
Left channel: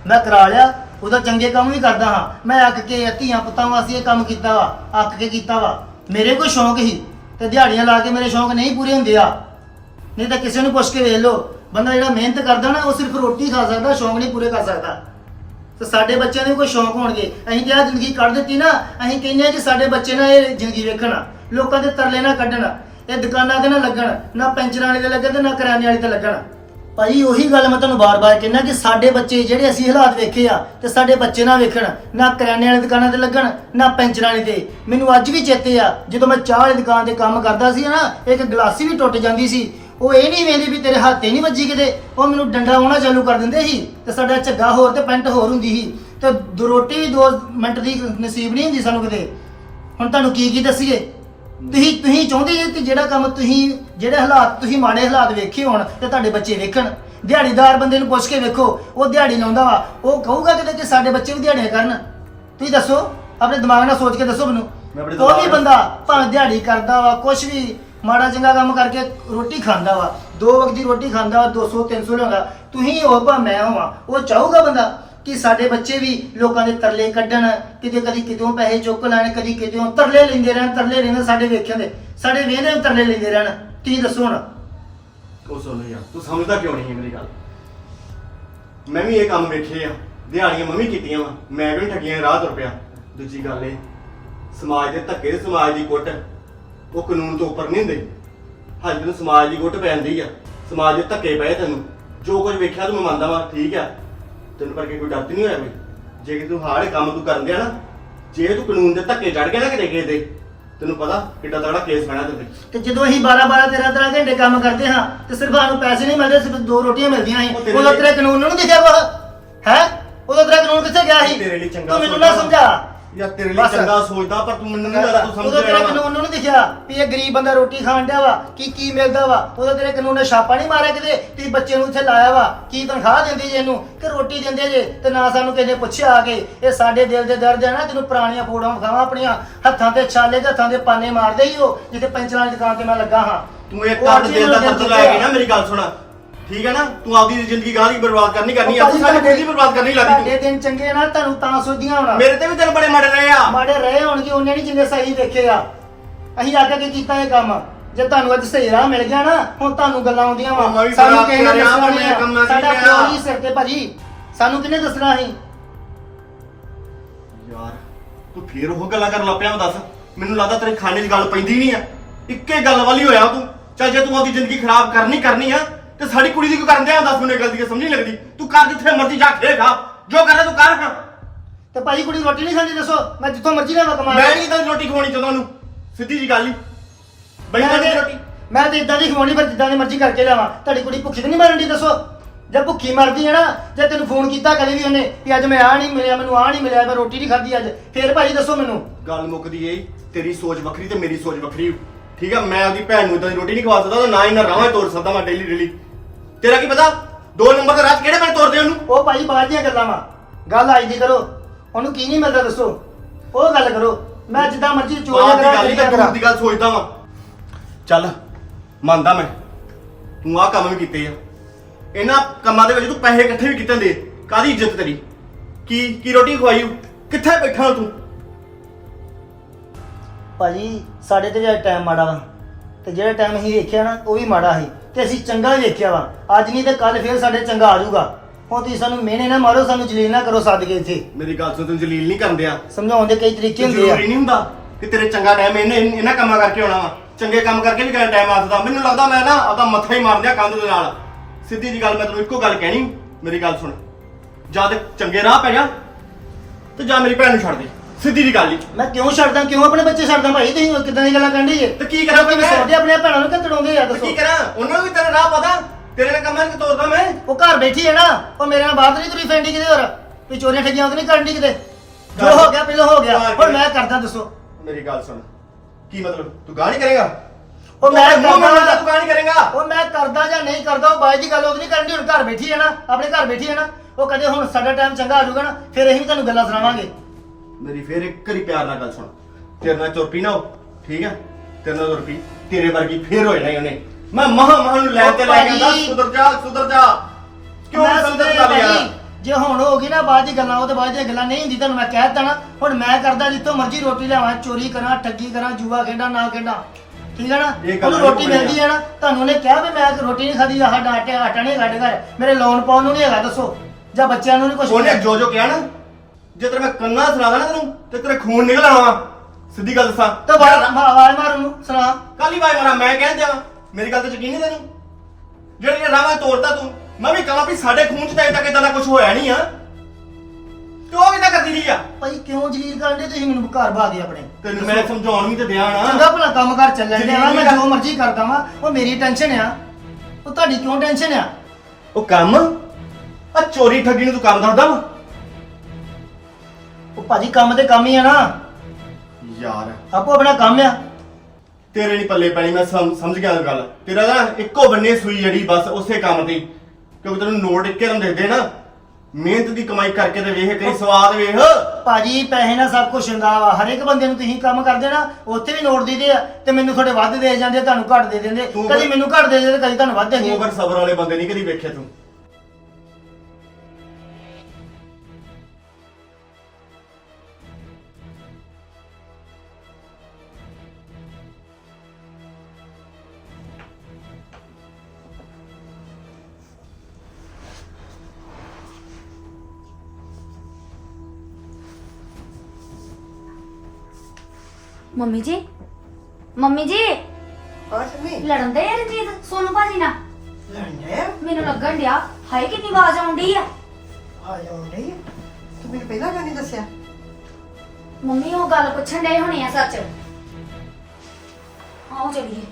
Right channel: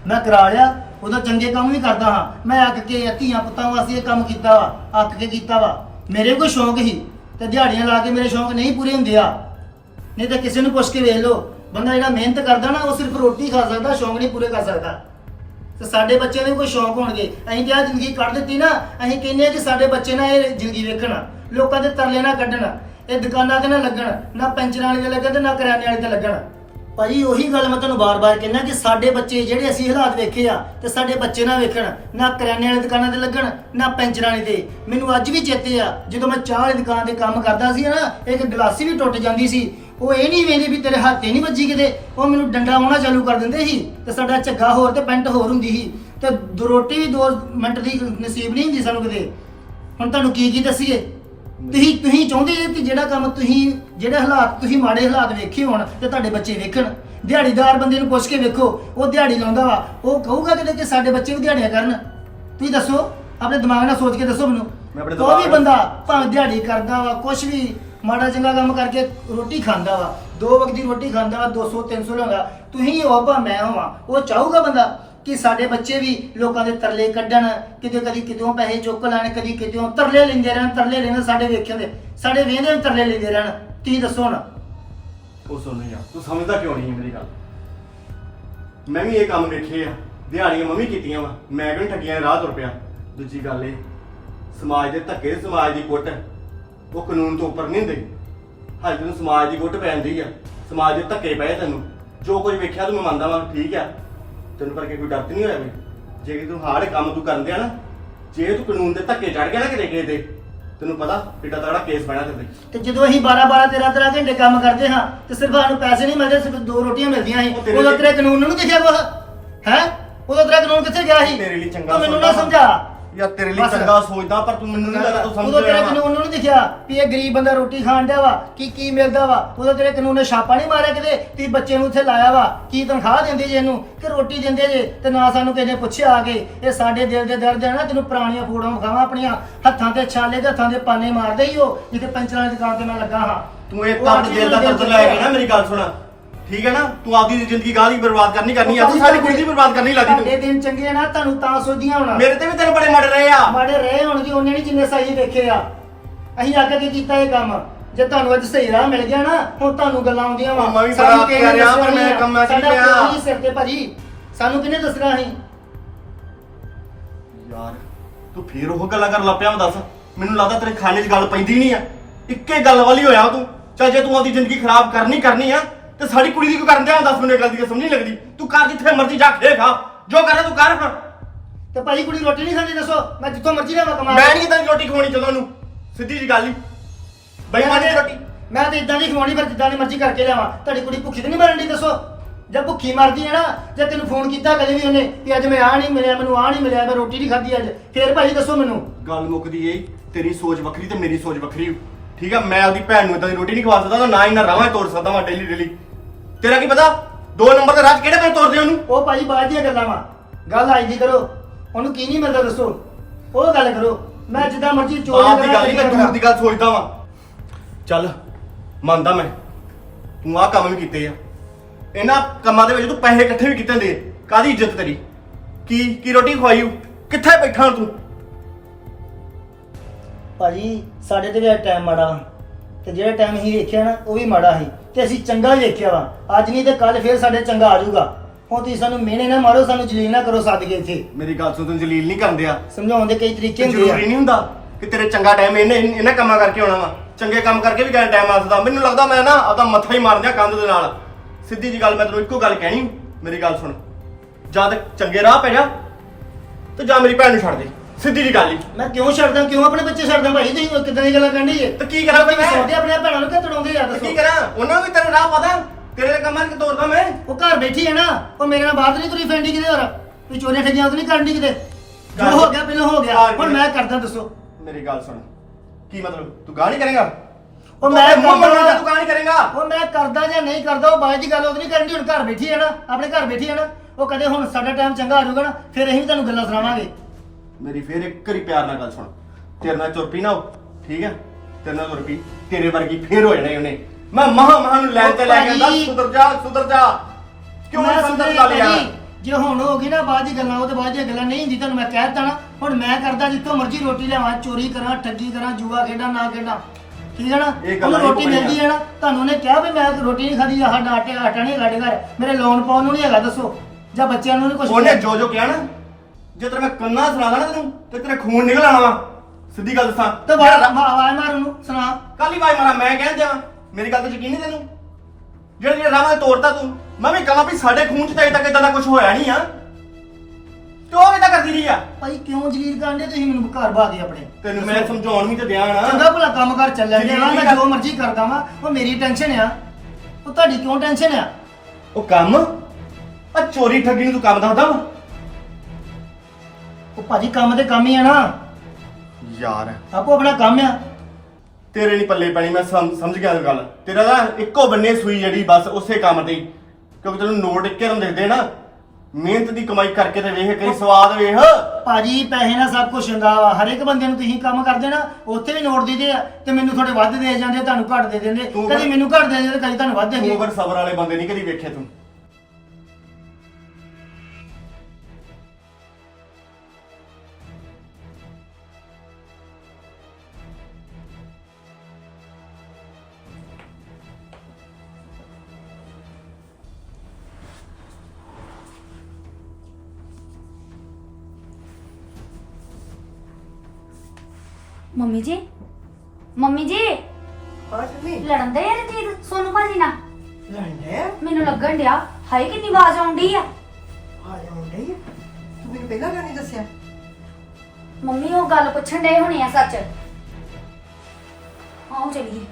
ਮੈਂ ਕਰਾ ਲਿਆ, ਉਹਦਾ ਚੰਗੇ ਕੰਮ ਵੀ ਕਰਦਾ ਹਾਂ। ਮੈਂ ਅੱਕ ਕੇ ਧੀਆਂ ਪੁੱਤਾਂ ਵਾਸਤੇ ਇਹ ਕੰਮ ਕੀਤਾ ਵਾ, ਅੱਕ ਕੇ ਕੀਤਾ ਵਾ। ਮੇਰੇ ਕੋਈ ਸ਼ੌਂਕ ਹੀ, ਤੇ ਦਿਹਾੜੀਆਂ ਲਾ ਕੇ ਮੇਰੇ ਸ਼ੌਂਕ ਨਹੀਂ ਪੂਰੇ ਹੁੰਦੇ ਆ। ਨਹੀਂ ਤਾਂ ਕਿਸੇ ਨੂੰ ਪੁੱਛ ਕੇ ਵੇਖ ਲਓ। ਬੰਦਾ ਜਿਹੜਾ ਮਿਹਨਤ ਕਰਦਾ ਨਾ, ਉਹ ਸਿਰਫ ਰੋਟੀ ਖਾ ਸਕਦਾ, ਸ਼ੌਂਕ ਨਹੀਂ ਪੂਰੇ ਕਰ ਸਕਦਾ। ਤੇ ਸਾਡੇ ਬੱਚਿਆਂ ਦੇ ਕੋਈ ਸ਼ੌਂਕ ਹੋਣਗੇ। ਅਸੀਂ ਜਿਹੜਾ ਜ਼ਿੰਦਗੀ ਕੱਢ ਦਿੱਤੀ ਨਾ, ਅਸੀਂ ਕਹਿੰਦੇ ਆ ਕਿ ਸਾਡੇ ਬੱਚੇ ਨਾ ਇਹ ਜ਼ਿੰਦਗੀ ਵੇਖਣ, ਲੋਕਾਂ ਦੇ ਤਰਲੇ ਨਾ ਕੱਢਣ, ਇਹ ਦੁਕਾਨਾਂ ਤੇ ਨਾ ਲੱਗਣ, ਨਾ ਪੈਂਚਰਾਂ ਵਾਲੇ ਤੇ ਲੱਗਣ ਤੇ ਨਾ ਕਰਿਆਨੇ ਵਾਲੇ ਤੇ ਲੱਗਣ। ਭਾਈ, ਉਹੀ ਗੱਲ ਮੈਂ ਤੁਹਾਨੂੰ ਬਾਰ-ਬਾਰ ਕਹਿੰਦਾ ਕਿ ਸਾਡੇ ਬੱਚੇ ਜਿਹੜੇ ਅਸੀਂ ਹਾਲਾਤ ਵੇਖੇ ਆ, ਤੇ ਸਾਡੇ ਬੱਚੇ ਨਾ ਵੇਖਣ, ਨਾ ਕਰਿਆਨੇ ਵਾਲੀ ਦੁਕਾਨਾਂ ਤੇ ਲੱਗਣ, ਨਾ ਪੈਂਚਰਾਂ ਵਾਲੇ ਤੇ। ਮੈਨੂੰ ਅੱਜ ਵੀ ਚੇਤੇ ਆ, ਜਦੋਂ ਮੈਂ ਚਾਹ ਵਾਲੀ ਦੁਕਾਨ ਤੇ ਕੰਮ ਕਰਦਾ ਸੀ ਨਾ, ਇੱਕ ਗਲਾਸੀ ਵੀ ਟੁੱਟ ਜਾਂਦੀ ਸੀ। ਉਹ ਇਹ ਨਹੀਂ ਵੇਂਦੀ ਵੀ ਤੇਰੇ ਹੱਥੇ ਨਹੀਂ ਵੱਜੀ ਕਿਤੇ। ਉਹ ਮੈਨੂੰ ਡੰਡਾ ਆਉਣਾ ਚਾਲੂ ਕਰ ਦਿੰਦੇ ਸੀ ਤੇ ਸਾਡਾ ਝੱਗਾ ਹੋਰ ਤੇ ਪੈਂਟ ਹੋਰ ਹੁੰਦੀ ਸੀ। ਤੇ ਦੋ ਰੋਟੀ ਵੀ 2 ਮਿੰਟ ਦੀ ਨਸੀਬ ਨਹੀਂ ਹੁੰਦੀ ਸਾਨੂੰ ਕਿਤੇ। ਹੁਣ ਤੁਹਾਨੂੰ ਕੀ ਕੀ ਦੱਸੀਏ? ਤੁਸੀਂ ਤੁਸੀਂ ਚਾਹੁੰਦੇ ਜੇ ਕਿ ਜਿਹੜਾ ਕੰਮ ਤੁਸੀਂ ਜਿਹੜੇ ਹਾਲਾਤ ਤੁਸੀਂ ਮਾੜੇ ਹਾਲਾਤ ਵੇਖੇ ਹੋਣ ਤੇ ਤੁਹਾਡੇ ਬੱਚੇ ਵੇਖਣ। ਦਿਹਾੜੀਦਾਰ ਬੰਦੇ ਨੂੰ ਪੁੱਛ ਕੇ ਵੇਖੋ ਉਹ ਦਿਹਾੜੀ ਲਾਉਂਦਾ ਵਾ। ਉਹ ਕਹੂਗਾ ਕਿਤੇ ਕਿ ਸਾਡੇ ਬੱਚੇ ਵੀ ਦਿਹਾੜੀਆਂ ਕਰਨ। ਤੁਸੀਂ ਦੱਸੋ ਆਪਣੇ ਦਿਮਾਗ ਨਾਲ ਸੋਚ ਕੇ ਦੱਸੋ ਮੈਨੂੰ। ਮੈਂ ਆਪਣੇ ਕੋਈ ਦਿਮਾਗ ਵੀ ਨਾਲ- ਬੰਦਾ ਭਾਵੇਂ ਦਿਹਾੜੀ ਕਰਦਾ ਵਾ ਕੁਛ ਵੀ ਮਾੜਾ ਚੰਗਾ ਕੰਮ ਕਰਕੇ ਰੋਟੀ ਖਾਂਦਾ ਵਾ, ਦੋ ਵਕਤ ਦੀ ਰੋਟੀ ਖਾਂਦਾ ਵਾ 200 300 ਲਿਆਉਂਦਾ, ਤੁਸੀਂ ਹੋ ਭਾ ਮੈਂ ਹੋਵਾਂ, ਉਹ ਚਾਹੂਗਾ ਬੰਦਾ ਕਿ ਸਾਡੇ ਬੱਚੇ ਵੀ ਲੋਕਾਂ ਦੇ ਤਰਲੇ ਕੱਢਣ, ਕਿਤੇ ਕਦੀ ਕਿਤੋਂ ਪੈਸੇ ਚੁੱਕ ਲੈਣ, ਕਦੀ ਕਿਤੋਂ ਤਰਲੇ ਲੈਂਦੇ ਰਹਿਣ, ਤਰਲੇ ਲੈਂਦੇ ਸਾਡੇ ਵੇਖਿਆ ਦੇ, ਸਾਡੇ ਵੇਹਦੇ ਤਰਲੇ ਲੈਂਦੇ ਰਹਿਣ, ਤੁਸੀਂ ਦੱਸੋ ਹੁਣ। ਉਹ ਸੁਣ ਯਾਰ ਤੂੰ ਸਮਝਦਾ ਕਿਉਂ ਨਹੀਂ ਹੈ ਮੇਰੀ ਗੱਲ? ਮੈਂ ਵੀ ਇਹ ਕੰਮ ਵੇਖੇ ਆ, ਦਿਹਾੜੀਆਂ ਮੰਮੀ ਕੀਤੀਆਂ ਵਾ, ਮੈਂ ਕਿਉਂ ਠੱਗੀਆਂ ਦੇ ਰਾਹ ਤੁਰ ਪਿਆ। ਦੂਜੀ ਗੱਲ ਇਹ, ਸਮਾਜ ਦੇ ਧੱਕੇ ਸਮਾਜ ਦੀ ਕੁੱਟ ਉਹ ਕਾਨੂੰਨ ਤੋਂ ਉੱਪਰ ਨਹੀਂ ਹੁੰਦੇ। ਹਾਂ ਜਦੋਂ ਸਮਾਜ ਦੀ ਗੁੱਟ ਪੈਂਦੀ ਆ ਸਮਾਜ ਦੇ ਧੱਕੇ ਪਏ ਤੈਨੂੰ। ਜੋ ਕੁਝ ਵੇਖਿਆ ਤੂੰ ਮੈਂ ਮੰਨਦਾ ਵਾਂ ਠੀਕ ਆ। ਤੈਨੂੰ ਪਰ ਕੋਈ ਡਰ ਨਹੀਂ ਹੋਇਆ ਕੋਈ? ਜੇ ਕਿ ਤੂੰ ਹਾੜੇ ਕੰਮ ਤੂੰ ਕਰਨ ਗਿਆ ਨਾ ਜੇ ਤੂੰ ਕਾਨੂੰਨ ਦੇ ਧੱਕੇ ਚੜ ਗਿਆ ਨਾ ਕਿਤੇ ਕਿਤੇ ਤੈਨੂੰ ਪਤਾ ਕਿੱਡਾ ਤਗੜਾ ਕੇਸ ਪੈਣਾ ਤੇਰੇ ਤੇ। ਤੇ ਜਦੋਂ ਅਸੀਂ 12 12 13 13 ਘੰਟੇ ਕੰਮ ਕਰਦੇ ਹਾਂ ਤੇ ਸਿਰਫ ਸਾਨੂੰ ਪੈਸੇ ਨਹੀਂ ਮਿਲਦੇ ਸਿਰਫ ਦੋ ਰੋਟੀਆਂ ਮਿਲਦੀਆਂ ਸੀ। ਉਹ ਤੇਰੇ ਲਈ- ਤੇਰੇ ਕਾਨੂੰਨ ਨੂੰ ਨਹੀਂ ਦਿਖਿਆ ਵਾ। ਹੈ? ਉਹਦਾ ਤੇਰਾ ਕਾਨੂੰਨ ਕਿੱਥੇ ਗਿਆ ਸੀ? ਤੇਰੇ ਲਈ ਚੰਗਾ ਤੂੰ ਮੈਨੂੰ ਨਾ ਸੋਚਦਾ। ਸਮਝਾ ਯਾਰ ਤੇਰੇ ਲਈ ਬਸ। ਚੰਗਾ ਸੋਚਦਾ ਪਰ ਤੂੰ ਮੈਨੂੰ ਨਹੀਂ ਲੱਗਦਾ ਤੂੰ ਸਮਝ ਉਦੋਂ ਤੇਰੇ ਰਿਹਾ ਵਾ। ਕਾਨੂੰਨ ਨੂੰ ਨਹੀਂ ਦਿਖਿਆ ਵੀ ਇਹ ਗਰੀਬ ਬੰਦਾ ਰੋਟੀ ਖਾਣ ਡਿਆ ਵਾ ਕੀ ਕੀ ਮਿਲਦਾ ਵਾ। ਉਦੋਂ ਤੇਰੇ ਕਾਨੂੰਨ ਨੇ ਛਾਪਾ ਨਹੀਂ ਮਾਰਿਆ ਕਿਤੇ ਵੀ ਬੱਚੇ ਨੂੰ ਇੱਥੇ ਲਾਇਆ ਵਾ ਕੀ ਤਨਖਾਹ ਦਿੰਦੇ ਜੇ ਇਹਨੂੰ ਕਿ ਰੋਟੀ ਦਿੰਦੇ ਜੇ ਤੇ ਨਾ ਸਾਨੂੰ ਕਿਸੇ ਨੇ ਪੁੱਛਿਆ ਆ ਕੇ ਇਹ ਸਾਡੇ ਦਿਲ ਦੇ ਦਰਦ ਆ ਨਾ ਤੈਨੂੰ ਪੁਰਾਣੀਆਂ ਫੋਟੋਆਂ ਵਿਖਾਵਾਂ ਆਪਣੀਆਂ ਹੱਥਾਂ ਤੇ ਛਾਲੇ ਤੇ ਹੱਥਾਂ ਦੇ ਪਾਨੇ ਮਾਰਦੇ ਹੀ ਹੋ ਜਿੱਥੇ ਪੈਂਚਰਾਂ ਦੀ ਦੁਕਾਨ ਤੇ ਮੈਂ ਲੱਗਾ ਹਾਂ। ਤੂੰ ਇੱਕ ਉਹ ਕੱਟ ਦਿਲ ਦਾ ਦਰਦ ਲੈ ਕੇ ਨਾ ਮੇਰੀ ਗੱਲ ਸੁਣ। ਠੀਕ ਹੈ ਨਾ? ਤੂੰ ਆਪਦੀ ਜ਼ਿੰਦਗੀ ਦੀ ਬਰਬਾਦ ਕਰਨੀ ਕਰਨੀ ਆ ਤੂੰ ਸਾਡੀ ਜ਼ਿੰਦਗੀ ਬਰਬਾਦ ਕਰਨੀ ਲੱਗਦੀ ਤੁਹਾਡੇ ਦਿਨ ਚੰਗੇ ਨਾ ਤੁਹਾਨੂੰ ਤਾਂ ਸੁਝਦੀਆਂ ਹੋਣਾ। ਤੂੰ ਮੇਰੇ ਤੇ ਵੀ ਤੈਨੂੰ ਬੜੇ ਮਾੜੇ ਰਹੇ ਆ। ਮਾੜੇ ਰਹੇ ਹੋਣਗੇ ਉਹਨੇ ਨਹੀਂ ਜਿੰਨੇ ਸਹੀ ਦੇਖੇ ਆ। ਅਸੀਂ ਅੱਗੇ ਕੀ ਕੀਤਾ ਇਹ ਕੰਮ। ਜੇ ਤੁਹਾਨੂੰ ਅੱਜ ਸਹੀ ਰਾਹ ਮਿਲ ਗਿਆ ਨਾ ਹੁਣ ਤੁਹਾਨੂੰ ਗੱਲਾਂ ਆਉਂਦੀਆਂ ਉਹ ਮੈਂ ਵਾ ਵੀ ਬੜਾ ਰਿਹਾ, ਪਰ ਮੈਂ ਕੰਮ ਕੀ ਸਾਡਾ ਕਿਹਾ? ਪਿਓ ਨਹੀਂ ਸਿਰ ਤੇ ਭਾਜੀ। ਸਾਨੂੰ ਕਿਹਨੇ ਦੱਸਣਾ ਸੀ ਯਾਰ ਤੂੰ ਫੇਰ ਉਹ ਗੱਲਾਂ ਕਰਨ ਲੱਗ ਪਿਆ ਵਾ ਦੱਸ। ਮੈਨੂੰ ਲੱਗਦਾ ਤੇਰੇ ਖਾਣੇ 'ਚ ਗੱਲ ਪੈਂਦੀ ਨਹੀਂ ਆ। ਇੱਕੇ ਗੱਲ ਵਾਲੀ ਹੋਇਆ ਤੂੰ। ਚੱਲ ਜੇ ਤੂੰ ਆਪਦੀ ਜ਼ਿੰਦਗੀ ਖਰਾਬ ਕਰਨੀ ਕਰਨੀ ਆ ਤੇ ਸਾਡੀ ਕੁੜੀ ਦੀ ਕਿਉਂ ਕਰਨ ਦਿਆ ਦੱਸ ਮੈਨੂੰ ਇਹ ਗੱਲ ਦੀ ਸਮਝ ਨਹੀਂ ਲੱਗਦੀ। ਤੂੰ ਕਰ ਜਿੱਥੇ ਮਰਜ਼ੀ ਜਾ ਖੇ ਖਾ। ਜੋ ਕਰਨਾ ਤੂੰ ਕਰ ਹਾਂ। ਤੇ ਭਾਜੀ ਕੁੜੀ ਰੋਟੀ ਨਹੀਂ ਖਾਂਦੀ ਦੱਸੋ ਮੈਂ ਜਿੱਥੋਂ ਮਰਜ਼ੀ ਲੈਵਾਂ ਕਮਾ ਮੈਂ ਨਹੀਂ ਤੈਨੂੰ ਰੋਟੀ ਖਵਾਉਣੀ ਚਾਹੁੰਦਾ ਉਹਨੂੰ? ਸਿੱਧੀ ਜੀ ਗੱਲ ਹੀ ਬਈ ਮੈਂ ਤੇ- ਰੋਟੀ। ਮੈਂ ਤੇ ਇਦਾਂ ਦੀ ਖਵਾਉਣੀ ਪਰ ਜਿੱਦਾਂ ਦੀ ਮਰਜ਼ੀ ਕਰਕੇ ਲਿਆਵਾਂ। ਤੁਹਾਡੀ ਕੁੜੀ ਭੁੱਖੀ ਤੇ ਨਹੀਂ ਮਰਨ ਦੀ ਦੱਸੋ। ਜੇ ਭੁੱਖੀ ਮਰਦੀ ਹੈ ਨਾ ਜੇ ਤੈਨੂੰ ਫੋਨ ਕੀਤਾ ਕਦੇ ਵੀ ਉਹਨੇ ਕਿ ਅੱਜ ਮੈਂ ਆ ਨਹੀਂ ਮਿਲਿਆ ਮੈਨੂੰ ਆ ਨਹੀਂ ਮਿਲਿਆ ਮੈਂ ਰੋਟੀ ਨਹੀਂ ਖਾਧੀ ਅੱਜ ਫੇਰ ਭਾਜੀ ਦੱਸੋ ਮੈਨੂੰ। ਗੱਲ ਮੁੱਕਦੀ ਏ ਤੇਰੀ ਸੋਚ ਵੱਖਰੀ ਤੇ ਮੇਰੀ ਸੋਚ ਵੱਖਰੀ। ਠੀਕ ਆ ਮੈਂ ਆਪਦੀ ਭੈਣ ਨੂੰ ਇਦਾਂ ਦੀ ਰੋਟੀ ਨਹੀਂ ਖਵਾ ਸਕਦਾ ਤਾਂ ਨਾ ਹੀ ਨਾ ਰਾਵਾਂ ਤੋੜ ਸਕਦਾ ਮੈਂ ਡੇਲੀ ਡੇਲੀ ਤੇਰਾ ਕੀ ਪਤਾ? ਦੋ ਨੰਬਰ ਦੇ 'ਚ ਕਿਹੜੇ ਪਾਸੇ ਤੋਰਦੇ ਉਹਨੂੰ? ਉਹ ਭਾਈ ਬਾਅਦ ਦੀਆਂ ਗੱਲਾਂ ਵਾ। ਗੱਲ ਆਈ ਦੀ ਕਰੋ। ਉਹਨੂੰ ਕੀ ਨਹੀਂ ਮਿਲਦਾ ਦੱਸੋ? ਉਹ ਗੱਲ ਕਰੋ। ਮੈਂ ਜਿੱਦਾਂ ਮਰਜ਼ੀ ਚੋਰੀ ਬਾਤ ਦੀ ਗੱਲ ਨਹੀਂ ਮੈਂ ਦੂਰ ਦੀ ਗੱਲ ਸੋਚਦਾ ਵਾਂ। ਚੱਲ ਮੰਨਦਾ ਮੈਂ। ਤੂੰ ਆਹ ਕੰਮ ਵੀ ਕੀਤੇ ਆ। ਇਹਨਾਂ ਕੰਮਾਂ ਦੇ ਵਿੱਚ ਤੂੰ ਪੈਸੇ ਇਕੱਠੇ ਵੀ ਕੀਤੇ ਦੇ ਕਾਦੀ ਇੱਜ਼ਤ ਤੇਰੀ? ਕੀ ਕੀ ਰੋਟੀ ਖਵਾਈ? ਕਿੱਥੇ ਬੈਠਾ ਤੂੰ? ਭਾਜੀ ਸਾਡੇ ਤੇ ਵੀ ਅੱਜ ਟਾਈਮ ਮਾੜਾ ਵਾ ਤੇ ਜਿਹੜਾ ਟਾਈਮ ਅਸੀਂ ਵੇਖਿਆ ਨਾ ਉਹ ਵੀ ਮਾੜਾ ਸੀ। ਤੇ ਅਸੀਂ ਚੰਗਾ ਹੀ ਵੇਖਿਆ ਵਾ। ਅੱਜ ਨਹੀਂ ਤੇ ਕੱਲ ਫੇਰ ਸਾਡੇ ਚੰਗਾ ਆ ਜਾਊਗਾ। ਹੁਣ ਤੁਸੀਂ ਸਾਨੂੰ ਮਿਹਣੇ ਨਾ ਮਾਰੋ ਸਾਨੂੰ ਜਲੀਲ ਨਾ ਕਰੋ ਸੱਦ ਕੇ ਇੱਥੇ। ਮੇਰੀ ਗੱਲ ਸੁਣ ਤੂੰ ਜਲੀਲ ਨਹੀਂ ਕਰਨ ਦਿਆ। ਸਮਝਾਉਣ ਦੇ ਕਈ ਤਰੀਕੇ ਹੁੰਦੇ ਆ। ਜ਼ਰੂਰੀ ਨਹੀਂ ਹੁੰਦਾ ਕਿ ਤੇਰੇ ਚੰਗਾ ਟਾਈਮ ਇਹਨੇ ਇਹਨਾਂ ਕੰਮਾਂ ਕਰਕੇ ਆਉਣਾ ਵਾ। ਚੰਗੇ ਕੰਮ ਕਰਕੇ ਵੀ ਕਿਹੜਾ ਟਾਈਮ ਆਸਦਾ ਮੈਨੂੰ ਲੱਗਦਾ ਮੈਂ ਨਾ ਆਪਦਾ ਮੱਥਾ ਹੀ ਮਾਰ ਦਿਆ ਕੰਧ ਦੇ ਨਾਲ। ਸਿੱਧੀ ਜੀ ਗੱਲ ਮੈਂ ਤੈਨੂੰ ਇੱਕੋ ਗੱਲ ਕਹਿਣੀ ਮੇਰੀ ਗੱਲ ਸੁਣ। ਜਾਂ ਤੇ ਚੰਗੇ ਰਾਹ ਪੈ ਜਾ ਤੇ ਜਾਂ ਮੇਰੀ ਭੈਣ ਨੂੰ ਛੱਡ ਦੇ। ਸਿੱਧੀ ਜੀ ਗੱਲ ਹੀ। ਮੈਂ ਕਿਉਂ ਛੱਡਦਾ ਕਿਉਂ ਆਪਣੇ ਬੱਚੇ ਛੱਡਦਾ ਭਾਈ? ਤੁਸੀਂ ਕਿਦਾਂ ਦੀ ਗੱਲਾਂ ਕਹਿੰਦੀ ਜੇ? ਤੇ ਕੀ ਕਰਾਂ ਮੈਂ? ਸੌਦੇ ਆਪਣੇ ਭੈਣਾਂ ਨੂੰ ਤੜਾਉਂਦੇ ਤੇ ਦੱਸੋ? ਕੀ ਕਰਾਂ? ਉਹਨਾਂ ਨੂੰ ਵੀ ਤੇਰੇ ਰਾਹ ਪਤਾ। ਤੇਰੇ ਨਾਲ ਕੰਮਾਂ ਨੂੰ ਤੋਰਦਾ ਮੈਂ। ਉਹ ਘਰ ਬੈਠੀ ਹੈ ਨਾ ਉਹ ਮੇਰੇ ਨਾਲ ਬਾਤ ਨਹੀਂ ਤੁਰੀ ਫੈਂਡੀ ਕਿਤੇ ਹੋਰ। ਵੀ ਚੋਰੀਆਂ ਠੱਗੀਆਂ ਉਹ ਨਹੀਂ ਕਰਨੀ ਕਿਤੇ। ਜੋ ਹੋ ਗਿਆ ਪਹਿਲਾਂ ਹੋ ਗਿਆ। ਘਰ ਹੁਣ ਕਿਵੇਂ? ਮੈਂ ਕਰਦਾ ਦੱਸੋ। ਮੇਰੀ ਗੱਲ ਸੁਣ। ਕੀ ਮਤਲਬ? ਤੂੰ ਗਾਲੀ ਕਰੇਗਾ? ਉਹ ਮੈਂ ਕਰਦਾ ਤੂੰ ਗਾਲੀ ਕਰੇਗਾ? ਉਹ ਮੈਂ ਕਰਦਾ ਜਾਂ ਨਹੀਂ ਕਰਦਾ ਉਹ ਬਾਈ ਦੀ ਗੱਲ ਉਹਦੀ ਨਹੀਂ ਕਰਨੀ ਹੁਣ ਘਰ ਬੈਠੀ ਹੈ ਨਾ ਆਪਣੇ ਘਰ ਬੈਠੀ ਹੈ ਨਾ ਉਹ ਕਦੇ ਹੁਣ ਸਾਡਾ ਟਾਈਮ ਚੰਗਾ ਆ ਜਾਊਗਾ ਨਾ ਫਿਰ ਅਸੀਂ ਤੁਹਾਨੂੰ ਗੱਲਾਂ ਸੁਣਾਵਾਂਗੇ। ਮੇਰੀ ਫੇਰ ਇੱਕ ਵਾਰੀ ਪਿਆਰ ਨਾਲ ਗੱਲ ਸੁਣ। ਤੇਰੇ ਨਾਲ ਚੁਰਪੀ ਨਾ ਹੋ ਠੀਕ ਹੈ ਤੇਰੇ ਨਾਲ ਚੁਰਪੀ ਤੇਰੇ ਵਰਗੀ ਫੇਰ ਹੋ ਜਾਣਾ ਉਹਨੇ। ਮੈਂ ਮਹਾ ਮਹਾ ਨੂੰ ਲੈਣ ਤੇ ਲੈ ਕੇ ਆਂਦਾ ਭਾਈ। ਸੁਧਰ ਜਾ ਸੁਧਰ ਜਾ। ਕਿਉਂ ਮੈਂ ਗੱਲ ਯਾਰ ਭਾਜੀ, ਜੇ ਹੁਣ ਹੋ ਗਈ ਨਾ ਬਾਅਦ ਦੀ ਗੱਲਾਂ ਉਹ ਤੇ ਬਾਅਦ ਦੀਆਂ ਗੱਲਾਂ ਨਹੀਂ ਹੁੰਦੀ ਤੁਹਾਨੂੰ ਮੈਂ ਕਹਿ ਦਿੱਤਾ ਨਾ। ਹੁਣ ਮੈਂ ਕਰਦਾ ਜਿੱਥੋਂ ਮਰਜ਼ੀ ਰੋਟੀ ਲਿਆਵਾਂ ਚੋਰੀ ਕਰਾਂ ਠੱਗੀ ਕਰਾਂ ਜੂਆ ਖੇਡਾਂ ਨਾ ਖੇਡਾਂ। ਠੀਕ ਹੈ ਨਾ? ਇਹ ਗੱਲ ਉਹਨੂੰ ਨਹੀਂ ਰੋਟੀ। ਮਿਲਦੀ ਹੈ ਨਾ ਤੁਹਾਨੂੰ ਉਹਨੇ ਕਿਹਾ ਵੀ ਮੈਂ ਰੋਟੀ ਨਹੀਂ ਖਾਦੀ ਆਹ ਆਟੇ ਆਟਾ ਨਹੀਂ ਸਾਡੇ ਘਰ ਮੇਰੇ ਲੋਨ ਪਾਉਣ ਨੂੰ ਨਹੀਂ ਹੈਗਾ ਦੱਸੋ। ਜਾਂ ਬੱਚਿਆਂ ਨੂੰ ਨਹੀਂ ਕੁਝ ਉਹਨੇ ਜੋ ਜੋ ਕਿਹਾ ਨਾ ਜੇ ਤੇਰੇ ਮੈਂ ਕੰਨਾਂ ਸੁਣਾ ਦੇਣਾ ਤੈਨੂੰ ਤੇ ਤੇਰੇ ਖੂਨ ਨਿਕਲ ਆਣਾ ਵਾ। ਸਿੱਧੀ ਗੱਲ ਦੱਸਾਂ। ਤਾਂ ਆਵਾਜ਼ ਆਵਾਜ਼ ਮਾਰ ਉਹਨੂੰ ਸੁਣਾ। ਕੱਲ ਹੀ ਮਾਰਾ ਮੈਂ ਕਹਿ ਦਿਆਂ ਮੇਰੀ ਗੱਲ ਤੇ ਯਕੀਨ ਨਹੀਂ ਤੈਨੂੰ। ਜਿਹੜੇ ਜਿਹੜੇ ਰਾਵਾਂ ਤੋੜਤਾ ਤੂੰ ਮੈਂ ਵੀ ਕਹਾਂ ਵੀ ਸਾਡੇ ਖੂਨ ਚ ਤਾਂ ਅਜੇ ਤੱਕ ਇਦਾਂ ਦਾ ਕੁਝ ਹੋਇਆ ਨਹੀਂ ਆ। ਤੇ ਉਹ ਵੀ ਤਾਂ ਕਰਦੀ ਰਹੀ ਆ। ਭਾਈ ਕਿਉਂ ਜਲੀਲ ਕਰਨ ਦੇ ਤੁਸੀਂ ਮੈਨੂੰ ਘਰ ਬਾ ਦੇ ਆਪਣੇ। ਤੈਨੂੰ ਮੈਂ ਸਮਝਾਉਣ ਵੀ ਤੇ ਦਿਆਂ ਨਾ। ਚੰਗਾ ਭਲਾ ਕੰਮ ਕਰ ਚੱਲਣ ਦੇ ਮੈਂ ਜਲੀਲ ਜੋ ਮਰਜ਼ੀ ਕਰਦਾ ਵਾਂ ਉਹ ਮੇਰੀ ਟੈਨਸ਼ਨ ਆ। ਉਹ ਤੁਹਾਡੀ ਕਿਉਂ ਟੈਨਸ਼ਨ ਆ? ਉਹ ਕੰਮ? ਆ ਚੋਰੀ ਠੱਗੀ ਨੂੰ ਤੂੰ ਕੰਮ ਦੱਸਦਾ ਵਾ। ਉਹ ਭਾਜੀ ਕੰਮ ਤੇ ਕੰਮ ਹੀ ਆ ਨਾ। ਯਾਰ। ਆਪੋ ਆਪਣਾ ਕੰਮ ਆ। ਤੇਰੇ ਨਹੀਂ ਪੱਲੇ ਪੈਣੀ ਮੈਂ ਸਮ- ਸਮਝ ਗਿਆ ਉਹ ਗੱਲ। ਤੇਰਾ ਨਾ ਇੱਕੋ ਬੰਨੇ ਸੂਈ ਜਿਹੜੀ ਬਸ ਉਸੇ ਕੰਮ ਹੀ। ਕਿਉਂਕਿ ਤੈਨੂੰ ਨੋਟ ਇੱਕੇ ਨੂੰ ਦਿਖਦੇ ਨਾ। ਮਿਹਨਤ ਦੀ ਕਮਾਈ ਕਰਕੇ ਤੇ ਵੇਖ ਕਈ ਸਵਾਦ ਵੇਖ। ਭਾਜੀ ਪੈਸੇ ਨਾਲ ਸਭ ਕੁਝ ਹੁੰਦਾ ਵਾ। ਹਰ ਇੱਕ ਬੰਦੇ ਨੂੰ ਤੁਸੀਂ ਕੰਮ ਕਰਦੇ ਨਾ ਉੱਥੇ ਵੀ ਨੋਟ ਦਿੰਦੇ ਆ। ਤੇ ਮੈਨੂੰ ਥੋੜੇ ਵੱਧ ਦੇ ਜਾਂਦੇ ਆ, ਤੁਹਾਨੂੰ ਘੱਟ ਦੇ ਦਿੰਦੇ। ਤੂੰ ਕਦੀ ਫਿਰ- ਮੈਨੂੰ ਘੱਟ ਦੇ ਦਿੰਦੇ ਤੇ ਕਦੀ ਤੁਹਾਨੂੰ ਵੱਧ ਤੂੰ ਦਿੰਦੇ। ਪਰ ਸਬਰ ਵਾਲੇ ਬੰਦੇ ਨਹੀਂ ਕਦੀ ਵੇਖੇ ਤੂੰ। ਮੰਮੀ ਜੀ? ਮੰਮੀ ਜੀ? ਹਾਂ ਸਿੰਮੀ। ਲੜਨ ਦੇ ਯਾਰ ਰਣਜੀਤ ਸੋਨੂੰ ਭਾਜੀ ਨਾਲ। ਲੜਨੇ ਮੈਨੂੰ ਲੱਗਣ ਡਿਆ ਹਾਏ ਕਿੰਨੀ ਆਵਾਜ਼ ਆਉਂਦੀ ਆ। ਆ? ਜਾਉਂਦੇ ਤੂੰ ਮੈਨੂੰ ਪਹਿਲਾਂ ਕਿਉਂ ਨਹੀਂ ਦੱਸਿਆ? ਮੰਮੀ ਉਹ ਗੱਲ ਪੁੱਛਣ ਡਏ ਹੋਣੇ ਆ ਸੱਚ। ਆਓ ਚਲੀਏ।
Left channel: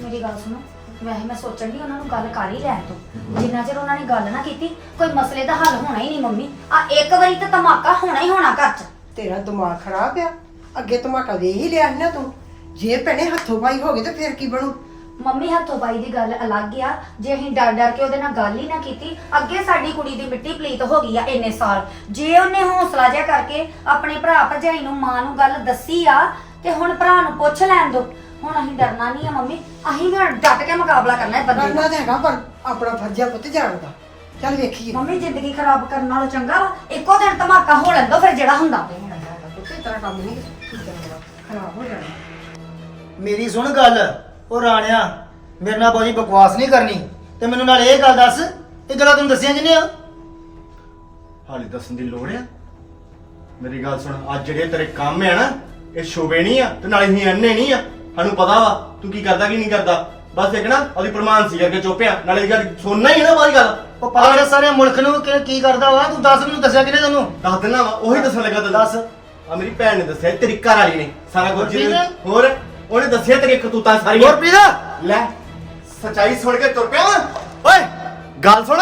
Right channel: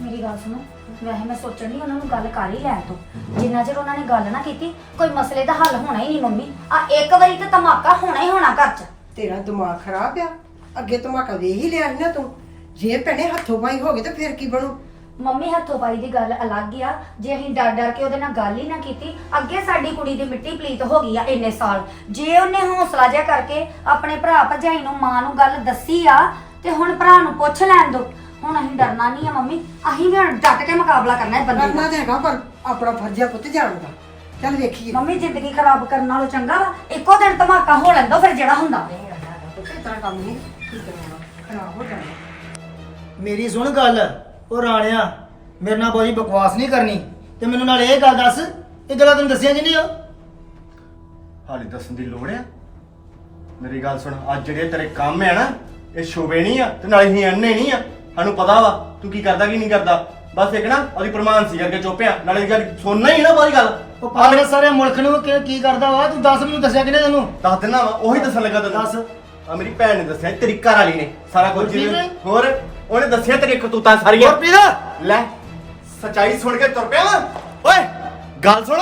ਮੇਰੀ ਗੱਲ ਸੁਣੋ। ਵੈਸੇ ਮੈਂ ਸੋਚਣ ਦੀ ਉਹਨਾਂ ਨੂੰ ਗੱਲ ਕਰ ਹੀ ਲੈਣ ਤੋਂ। ਜਿੰਨਾ ਚਿਰ ਉਹਨਾਂ ਨੇ ਗੱਲ ਨਾ ਕੀਤੀ ਕੋਈ ਮਸਲੇ ਦਾ ਹੱਲ ਹੋਣਾ ਹੀ ਨਹੀਂ ਮੰਮੀ। ਆ ਇੱਕ ਵਾਰੀ ਤਾਂ ਧਮਾਕਾ ਹੋਣਾ ਹੀ ਹੋਣਾ ਘਰ 'ਚ। ਤੇਰਾ ਦਿਮਾਗ ਖਰਾਬ ਆ। ਅੱਗੇ ਧਮਾਕਾ ਵੇਖ ਹੀ ਲਿਆ ਸੀ ਨਾ ਤੂੰ। ਜੇ ਭੈਣੇ ਹੱਥੋਂ ਪਾਈ ਹੋ ਗਏ ਤਾਂ ਫਿਰ ਕੀ ਬਣੂ? ਮੰਮੀ ਹੱਥੋਂ ਪਾਈ ਦੀ ਗੱਲ ਅਲੱਗ ਆ। ਜੇ ਅਸੀਂ ਡਰ ਡਰ ਕੇ ਉਹਦੇ ਨਾਲ ਗੱਲ ਹੀ ਨਾ ਕੀਤੀ ਅੱਗੇ ਸਾਡੀ ਕੁੜੀ ਦੀ ਮਿੱਟੀ ਪਲੀਤ ਹੋ ਗਈ ਆ ਇੰਨੇ ਸਾਲ। ਜੇ ਉਹਨੇ ਹੌਸਲਾ ਜਿਹਾ ਕਰਕੇ ਆਪਣੇ ਭਰਾ ਭਰਜਾਈ ਨੂੰ ਮਾਂ ਨੂੰ ਗੱਲ ਦੱਸੀ ਆ ਤੇ ਹੁਣ ਭਰਾ ਨੂੰ ਪੁੱਛ ਲੈਣ ਦੋ। ਹੁਣ ਅਸੀਂ ਡਰਨਾ ਨਹੀਂ ਆ ਮੰਮੀ। ਅਸੀਂ ਵੀ ਹੁਣ ਡਟ ਕੇ ਮੁਕਾਬਲਾ ਕਰਨਾ ਹੈ ਬੰਦੇ ਕਰਨਾ ਤਾਂ ਹੈਗਾ ਪਰ ਆਪਣਾ ਫਰਜ਼ਾ ਪੁੱਤ ਜਾਣਦਾ ਚੱਲ ਵੇਖੀਏ। ਮੰਮੀ ਜ਼ਿੰਦਗੀ ਖਰਾਬ ਕਰਨ ਨਾਲੋਂ ਚੰਗਾ ਵਾ। ਇੱਕੋ ਦਿਨ ਧਮਾਕਾ ਹੋ ਲੈਂਦਾ ਫਿਰ ਜਿਹੜਾ ਹੁੰਦਾ। ਪੁੱਤ ਇਸ ਤਰ੍ਹਾਂ ਕੰਮ ਨਹੀਂ। ਠੀਕ ਕਰਨਾ ਖਰਾਬ ਹੋ ਜਾਣਾ ਮੇਰੀ ਸੁਣ ਗੱਲ। ਉਹ ਰਾਣਿਆ ਮੇਰੇ ਨਾਲ ਬਹੁਤੀ ਬਕਵਾਸ ਨਹੀਂ ਕਰਨੀ। ਤੇ ਮੈਨੂੰ ਨਾਲ ਇਹ ਗੱਲ ਦੱਸ ਇਹ ਗੱਲਾਂ ਤੈਨੂੰ ਦੱਸਿਆ ਜਿੰਨੇ ਆ? ਹਾਲੇ ਦੱਸਣ ਦੀ ਲੋੜ ਆ। ਮੇਰੀ ਗੱਲ ਸੁਣ ਅੱਜ ਜਿਹੜੇ ਤੇਰੇ ਕੰਮ ਆ ਨਾ ਇਹ ਸ਼ੋਭੇ ਨਹੀਂ ਆ ਤੇ ਨਾਲੇ ਹੀ ਅੰਨੇ ਨਹੀਂ ਆ। ਸਾਨੂੰ ਪਤਾ ਵਾ ਤੂੰ ਕੀ ਕਰਦਾ ਕੀ ਨਹੀਂ ਕਰਦਾ। ਬਸ ਇੱਕ ਨਾ ਉਹਦੀ ਪ੍ਰਮਾਨ ਸੀ ਕਰਕੇ ਚੁੱਪਿਆ ਨਾਲੇ ਇਹ ਗੱਲ ਸੁਣਨਾ ਹੀ ਆ ਨਾ ਬਾਈ ਗੱਲ। ਉਹ ਪਾਗਲ ਸਾਰੇ ਮੁਲਕ ਨੂੰ ਕਿ ਕੀ ਕਰਦਾ ਵਾ ਤੂੰ ਦੱਸ ਮੈਨੂੰ ਦੱਸਿਆ ਕਿਨੇ ਤੈਨੂੰ? ਦੱਸ ਦਿਨਾ ਵਾ ਉਹੀ ਦੱਸਣ ਲੱਗਾ ਤੈਨੂੰ। ਦੱਸ। ਆ ਮੇਰੀ ਭੈਣ ਨੇ ਦੱਸਿਆ ਤੇਰੀ ਘਰ ਵਾਲੀ ਨੇ ਸਾਰਾ ਕੁਝ ਜਿਹਨੇ-? ਹੋਰ ਉਹਨੇ ਦੱਸਿਆ ਤੇਰੀ ਕਤੂਤਾਂ ਸਾਰੀਆਂ। ਗੁਰਪ੍ਰੀਤ? ਲੈ ਸਚਾਈ ਸੁਣ ਕੇ ਤੁਰ ਪਿਆ ਵਾਂ। ਓਏ ਗੱਲ ਸੁਣ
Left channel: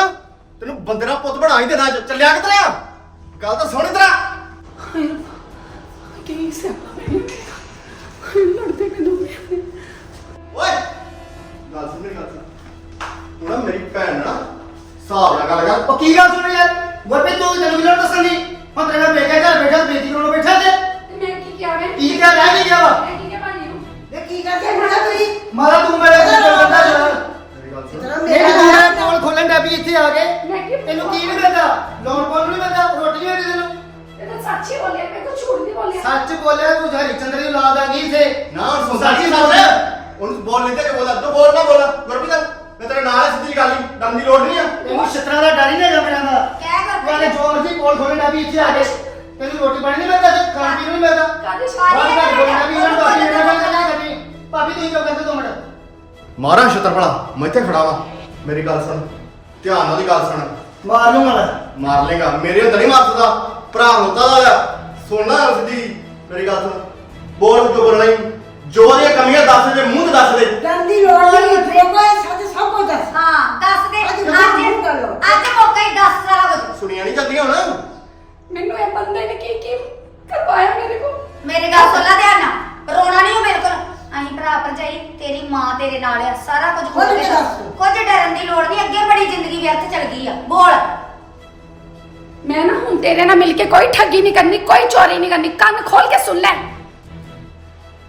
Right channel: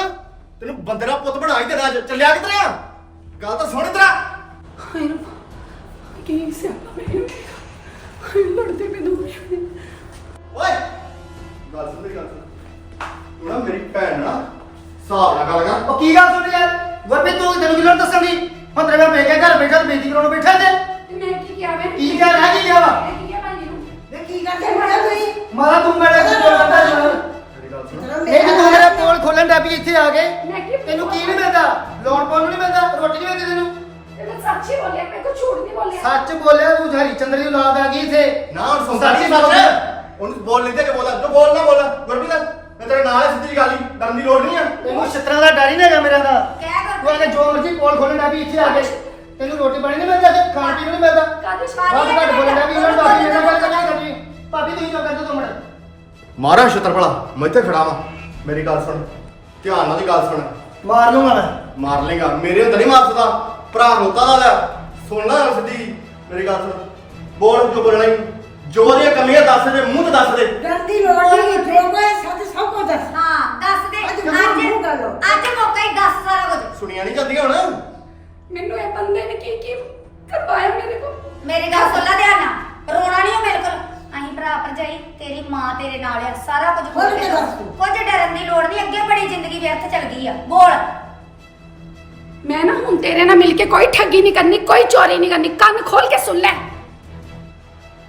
ਤੈਨੂੰ ਬੰਦੇ ਦਾ ਪੁੱਤ ਬਣਾ ਹੀ ਦੇਣਾ ਅੱਜ। ਚੱਲਿਆ ਕਿਧਰ ਆ? ਗੱਲ ਤਾਂ ਸੁਣ ਹਾਏ ਰੱਬਾ ਕੀ ਸਿਆਪਾ ਹਾਏ ਲੜਦੇ ਮੈਨੂੰ ਓਏ ਗੱਲ ਸੁਣ ਮੇਰੀ ਗੱਲ ਸੁਣ। ਤੂੰ ਨਾ ਮੇਰੀ ਭੈਣ ਨਾਲ ਨਾ ਹਿਸਾਬ ਨਾਲ ਗੱਲ ਕਰ। ਉਹ ਕੀ ਗੱਲ ਸੁਣ ਯਾਰ ਗੁਰਪ੍ਰੀਤ ਤੂੰ ਤੈਨੂੰ ਕਿਹਨਾਂ ਦੱਸਣ ਦੀ? ਹੁਣ ਤੇਰੇ ਮੈਂ ਮੇਰੇ ਘਰ ਬੈਠਾ ਬੇਇੱਜ਼ਤੀ ਕਰਾਉਣ ਬੈਠਾ ਤੇ ਤੇ ਮੈਂ ਕੀ ਕਿਹਾ ਮੈਂ ਕੀ ਕਿਹਾ ਮੈਂ ਕੀ ਕਿਹਾ ਵਾ? ਮੈਂ ਕੀ ਕਿਹਾ ਭਾਜੀ ਨੂੰ? ਵੇ ਕੀ ਕਰਦੇ ਹੋ ਤੁਸੀਂ? ਮਾਰਾ ਤੂੰ ਮੇਰੇ ਨਾਲ ਗੱਲ ਕਰਦਾ ਯਾਰ ਮੇਰੀ ਗੱਲ ਸੁਣ। ਇਤਨਾ ਇਹ ਕਿ ਤੂੰ ਮੇਰੇ ਪੋਲ ਖੋਲਣ ਡੈ ਪਈ ਇੱਥੇ ਆ ਕੇ। ਮੈਂ ਕੀ ਤੈਨੂੰ ਕੀ ਨਹੀਂ ਮਿਲਦਾ? ਲੋਨ ਪਾਉਣ ਨੂੰ ਨਹੀਂ ਮਿਲਦਾ? ਰੋਟੀ ਨਹੀਂ ਮਿਲਦੀ ਤੈਨੂੰ? ਇਹ ਮੈਂ ਸੱਚ ਹੀ ਬੋਲਿਆ ਮੈਂ ਕੋਈ ਝੂਠ ਨਹੀਂ ਬੋਲਿਆ। ਸੱਚ ਬੋਲਿਆ ਤੂੰ ਹਰੀ ਚੰਦਰ ਦੀ ਔਲਾਦ ਆ ਗਈ ਇੱਥੇ। ਨਾ ਹੁਣ ਸੁਣਦਾ ਸੱਚ ਨਹੀਂ ਹੀ ਸੱਚ। ਬੋਲਿਆ। ਉਹਨੂੰ ਬੋਲ ਲੈਂਦੇ ਕਿ ਬੋਲਾ ਤੂੰ ਬੋਲ ਨਾ ਬੋਲ। ਗੁਰਪ੍ਰੀਤ ਮੈਂ ਤੇਰੇ ਨਾਲ ਹੈ, ਸਿੱਧੀ ਡਰਨ ਦੀ ਲੋੜ ਨਹੀਂ ਆ। ਤੈਨੂੰ ਛਤਰਾਂ ਦਾ ਡਰ ਹੀ ਨਹੀਂ ਹੈਗਾ ਮੇਰਾ ਦਾ ਕਹਿ ਕਰ ਤੂੰ ਜੋ ਮਰਜ਼ੀ ਪੋਲ ਖੋਲਣ ਪਈ ਇੱਥੇ ਆ ਕੇ। ਤੈਨੂੰ ਰੋਟੀ ਪਾਣੀ ਨਹੀਂ ਮਿਲਦਾ ਤੇ ਖਾਣ ਪੀਣ ਨੂੰ ਨਹੀਂ ਮਿਲਦਾ। ਕਾਹਦੇ ਬਾਹਰ ਘੱਟ ਬੋਲਣ ਪਈ ਉਹਨਾਂ ਨੂੰ ਭਾਬੀ ਇਹਨਾਂ ਗੱਲ ਕਰਨਾ ਕਰਨੀ ਭਾਬੀ ਤੁਸੀਂ ਕਿਉਂ ਕਰਦੇ ਦੋ ਮਿੰਟ। ਮਾਰਾ ਛਤਰ ਭਲਾ ਮੈਂ ਇੱਥੇ ਖੜਾ ਵਾਂ। ਮੇਰੀ ਗੱਲ ਸੁਣ ਧਿਆਨ ਨਾਲ ਦੀ ਗੱਲ ਸੁਣ। ਮਾਰ ਲੂੰਗਾ ਮੈਂ। ਮਾਰ ਲੇਗਾ ਮੇਰੇ ਹੁੰਦੇ ਨਹੀਂ ਮਾਰ ਸਕਦਾ। ਭਰਾ ਰੋਤਾ ਦਾ ਆ। ਸੁਣ ਲੈ ਸਿੱਧੀ। ਮੇਰੀ ਗੱਲ ਸੁਣ। ਬੋਲ ਜੋ ਬੋਲਣਾ ਹੀ। ਜੋ ਦੀਆਂ ਕਮੀਆਂ ਦੱਸ ਦੇ ਮੂੰਹ ਤੇ ਦੱਸ ਦੇ। ਡਰਨ ਦੀ ਲੋੜ ਨਹੀਂ ਕੋਈ ਸੱਚ ਸਭ ਕੁਝ ਦੱਸ। ਹਾਂ ਦੱਸ ਦੇ। ਅੱਜ ਮੂੰਹ ਕਰ ਲਓ। ਅੱਜ ਮੌਕਾ ਹੀ ਦੱਸ ਸਾਰਾ ਕੁਝ। ਸੁਣੀਆਂ ਨਹੀਂ ਜਾਂਦੀਆਂ ਹੁਣ? ਮੈਨੂੰ ਇਹ ਬੰਦੇ ਨੇ ਕੀ ਕੀ ਕਰਵਾਇਆ ਮੇਰੇ ਕੋਲ? ਮੇਰੀ ਗੱਲ ਸੁਣ ਲੈ ਧਿਆਨ ਨਾਲ। ਰੋਣਾ ਨਹੀਂ ਉਹ ਭਰਾ ਭਰਜਾਈ ਤੇਰੀ ਮਾਂ ਤੇਰੇ ਨਾਲ ਆ ਸਾਰਾ ਕੁਝ ਖੁੱਲ੍ਹ ਕੇ। ਦੱਸ। ਕੁਝ ਡਰਨ ਦੀ ਲੋੜ ਨਹੀਂ ਅੱਗੇ ਬੜੀ ਜ਼ਿੰਦਗੀ ਵਿਅਰਥ ਚੱਲ ਗਈ ਆ। ਬੋਲ। ਮੈਂ ਨਾ ਹੁਣ ਤੇਰੇ ਨਾਲ ਮਿਲ ਕੇ ਕੋਈ ਠੱਗੀ ਨਹੀਂ ਕਰਨੀ ਕੋਈ ਚੋਰੀ ਨਹੀਂ ਕਰਨੀ। ਕੰਨ ਖੋਲ ਕੇ ਸੁਣ ਲੈ।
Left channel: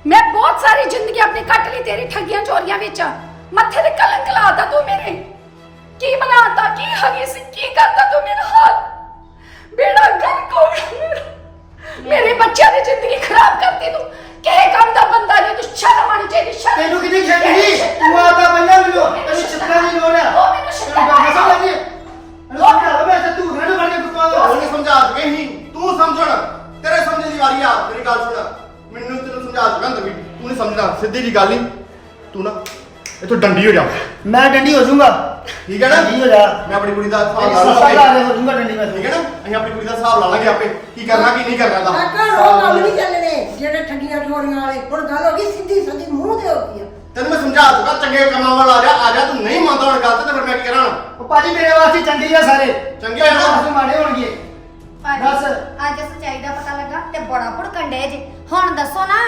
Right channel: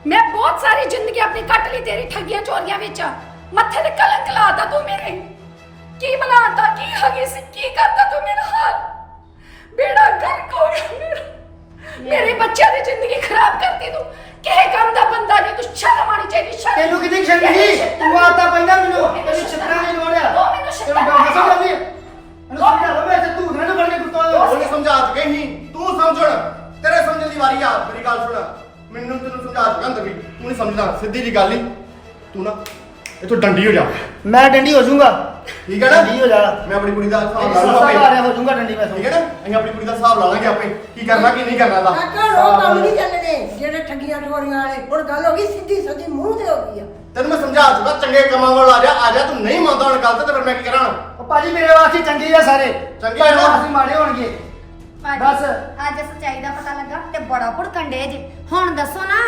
ਮੈਂ ਬਹੁਤ ਸਾਰੀ ਜ਼ਿੰਦਗੀ ਆਪਣੀ ਕੱਟ ਲਈ ਤੇਰੀ ਠੱਗੀਆਂ ਚੋਰੀਆਂ ਵਿੱਚ। ਮੱਥੇ ਤੇ ਕਲੰਕ ਲਾਤਾ ਤੂੰ ਮੇਰੇ। ਕੀ ਬਣਾਤਾ ਕੀ ਹਗੀ ਸੀ ਕੀ ਕਰਦਾ ਤੂੰ ਮੇਰਾ ਹਾਲ ਬੇੜਾ ਗਰਕ ਹੋ ਗਿਆ ਮੇਰਾ। ਬੱਚਿਆਂ ਦੀ ਜ਼ਿੰਦਗੀ ਖਰਾਬ ਕਰਤੀ ਤੂੰ। ਕਿਹੜੇ ਕੰਮ ਦਾ ਬੰਦਾ ਨਹੀਂ ਤੂੰ ਸ਼ਰਮ ਆਣੀ ਚਾਹੀਦੀ ਸ਼ਰਮ ਤੈਨੂੰ ਕਿਹਦੀ ਸ਼ਰਮ ਨਹੀਂ ਤੂੰ ਆਤਾ ਪਹਿਲਾਂ ਮੈਨੂੰ ਤੈਨੂੰ ਛੱਤਰਾਂ ਦੀ ਲੋੜ। ਮੈਨੂੰ ਤੈਨੂੰ ਗੱਲ ਸਮਝ ਲੱਗੀ ਇਹਨੂੰ ਸਮਝਾ ਲਓ ਮੈਂ ਤੇ ਨਾ ਬਣ ਕੇ ਗੁੱਸਾ ਉਹਨੇ ਸਮਝਾ ਚੁੱਕੇ ਹੀ ਤੂੰ ਸਮਝਣ। ਤੇਰੇ ਸਮਝਣ ਦੀ ਵਾਰੀ ਆ। ਮੇਰੀ ਗੱਲ ਸੁਣ। ਨਹੀਂ ਸਮਝਦਾ ਸਿੱਧੀ ਜੀ ਗੱਲ ਹੀ। ਤੂੰ ਨਾ ਇੱਥੋਂ ਡੰਡੀ ਹੋ ਜਾ। ਮੈਂ ਡੰਡੀ ਹੋ ਜਾਊਂਗਾ। ਠੀਕ ਹੈ ਨਾ? ਡੰਡੀ ਹੋ ਜਾ। ਮੈਂ ਆਪਣੀ ਕੁੜੀ ਦਾ ਹਿਸਾਬ ਲਾ ਸਸਤਾ ਲਵਾਂਗੇ ਲਾ ਰਿਹਾ ਹੋ ਜਾਊਂਗਾ ਡੰਡੀ ਮੈਂ ਠੀਕ ਹੈ ਨਾ? ਅਸੀਂ ਆਪਣੀ ਕੁੜੀ ਦਾ ਹਿਸਾਬ ਲਾ ਲਾਂਗੇ ਆਪੇ। ਕੀ ਕਰਨਾ ਕੀ ਨਹੀਂ ਕਰਨਾ ਦਾ ਕਾਕਾ ਉਹ ਕੰਮ ਨਹੀਂ ਚੱਲਣੇ। ਜਿਹੜੇ ਠੱਗੀਆਂ ਠੋਰੀਆਂ ਵਾਲੇ ਹੁਣ ਗੱਲ ਹੋ ਗਈ ਸਿੱਧੀ ਸਦੀ ਮੂੰਹ ਤੇ ਹੋ ਗਈ ਆ। ਤੈਨੂੰ ਮੈਂ ਸਮਝਾ ਚੁੱਕਾ ਚੰਗੇ ਕੰਮਾਂ ਵੱਲ ਆ ਜਾ ਆ ਜਾ ਤੂੰ ਨਹੀਂ ਮੰਨਦਾ ਹੁਣ ਗੱਲ ਤੇ ਫਿਰ ਮੈਂ ਕੀ ਕਰਾਂ? ਉਹ ਭਾਜੀ ਮੇਰੇ ਵਾਸਤੇ ਚੰਗੇ ਆ ਸਾਰੇ। ਚੰਗੇ ਆ ਨਾ? ਵਾਸਤੇ ਮਾੜੇ ਹੋਣਗੇ। ਬਸ। ਅੱਜ ਸੱਚਾਈ ਦਾ ਪਤਾ ਲੱਗਾ ਤੇ ਬੜਾ ਭੁੜਕਣ ਡੇ ਜੇ। ਹੁਣ ਦੱਸੋ ਨਾ।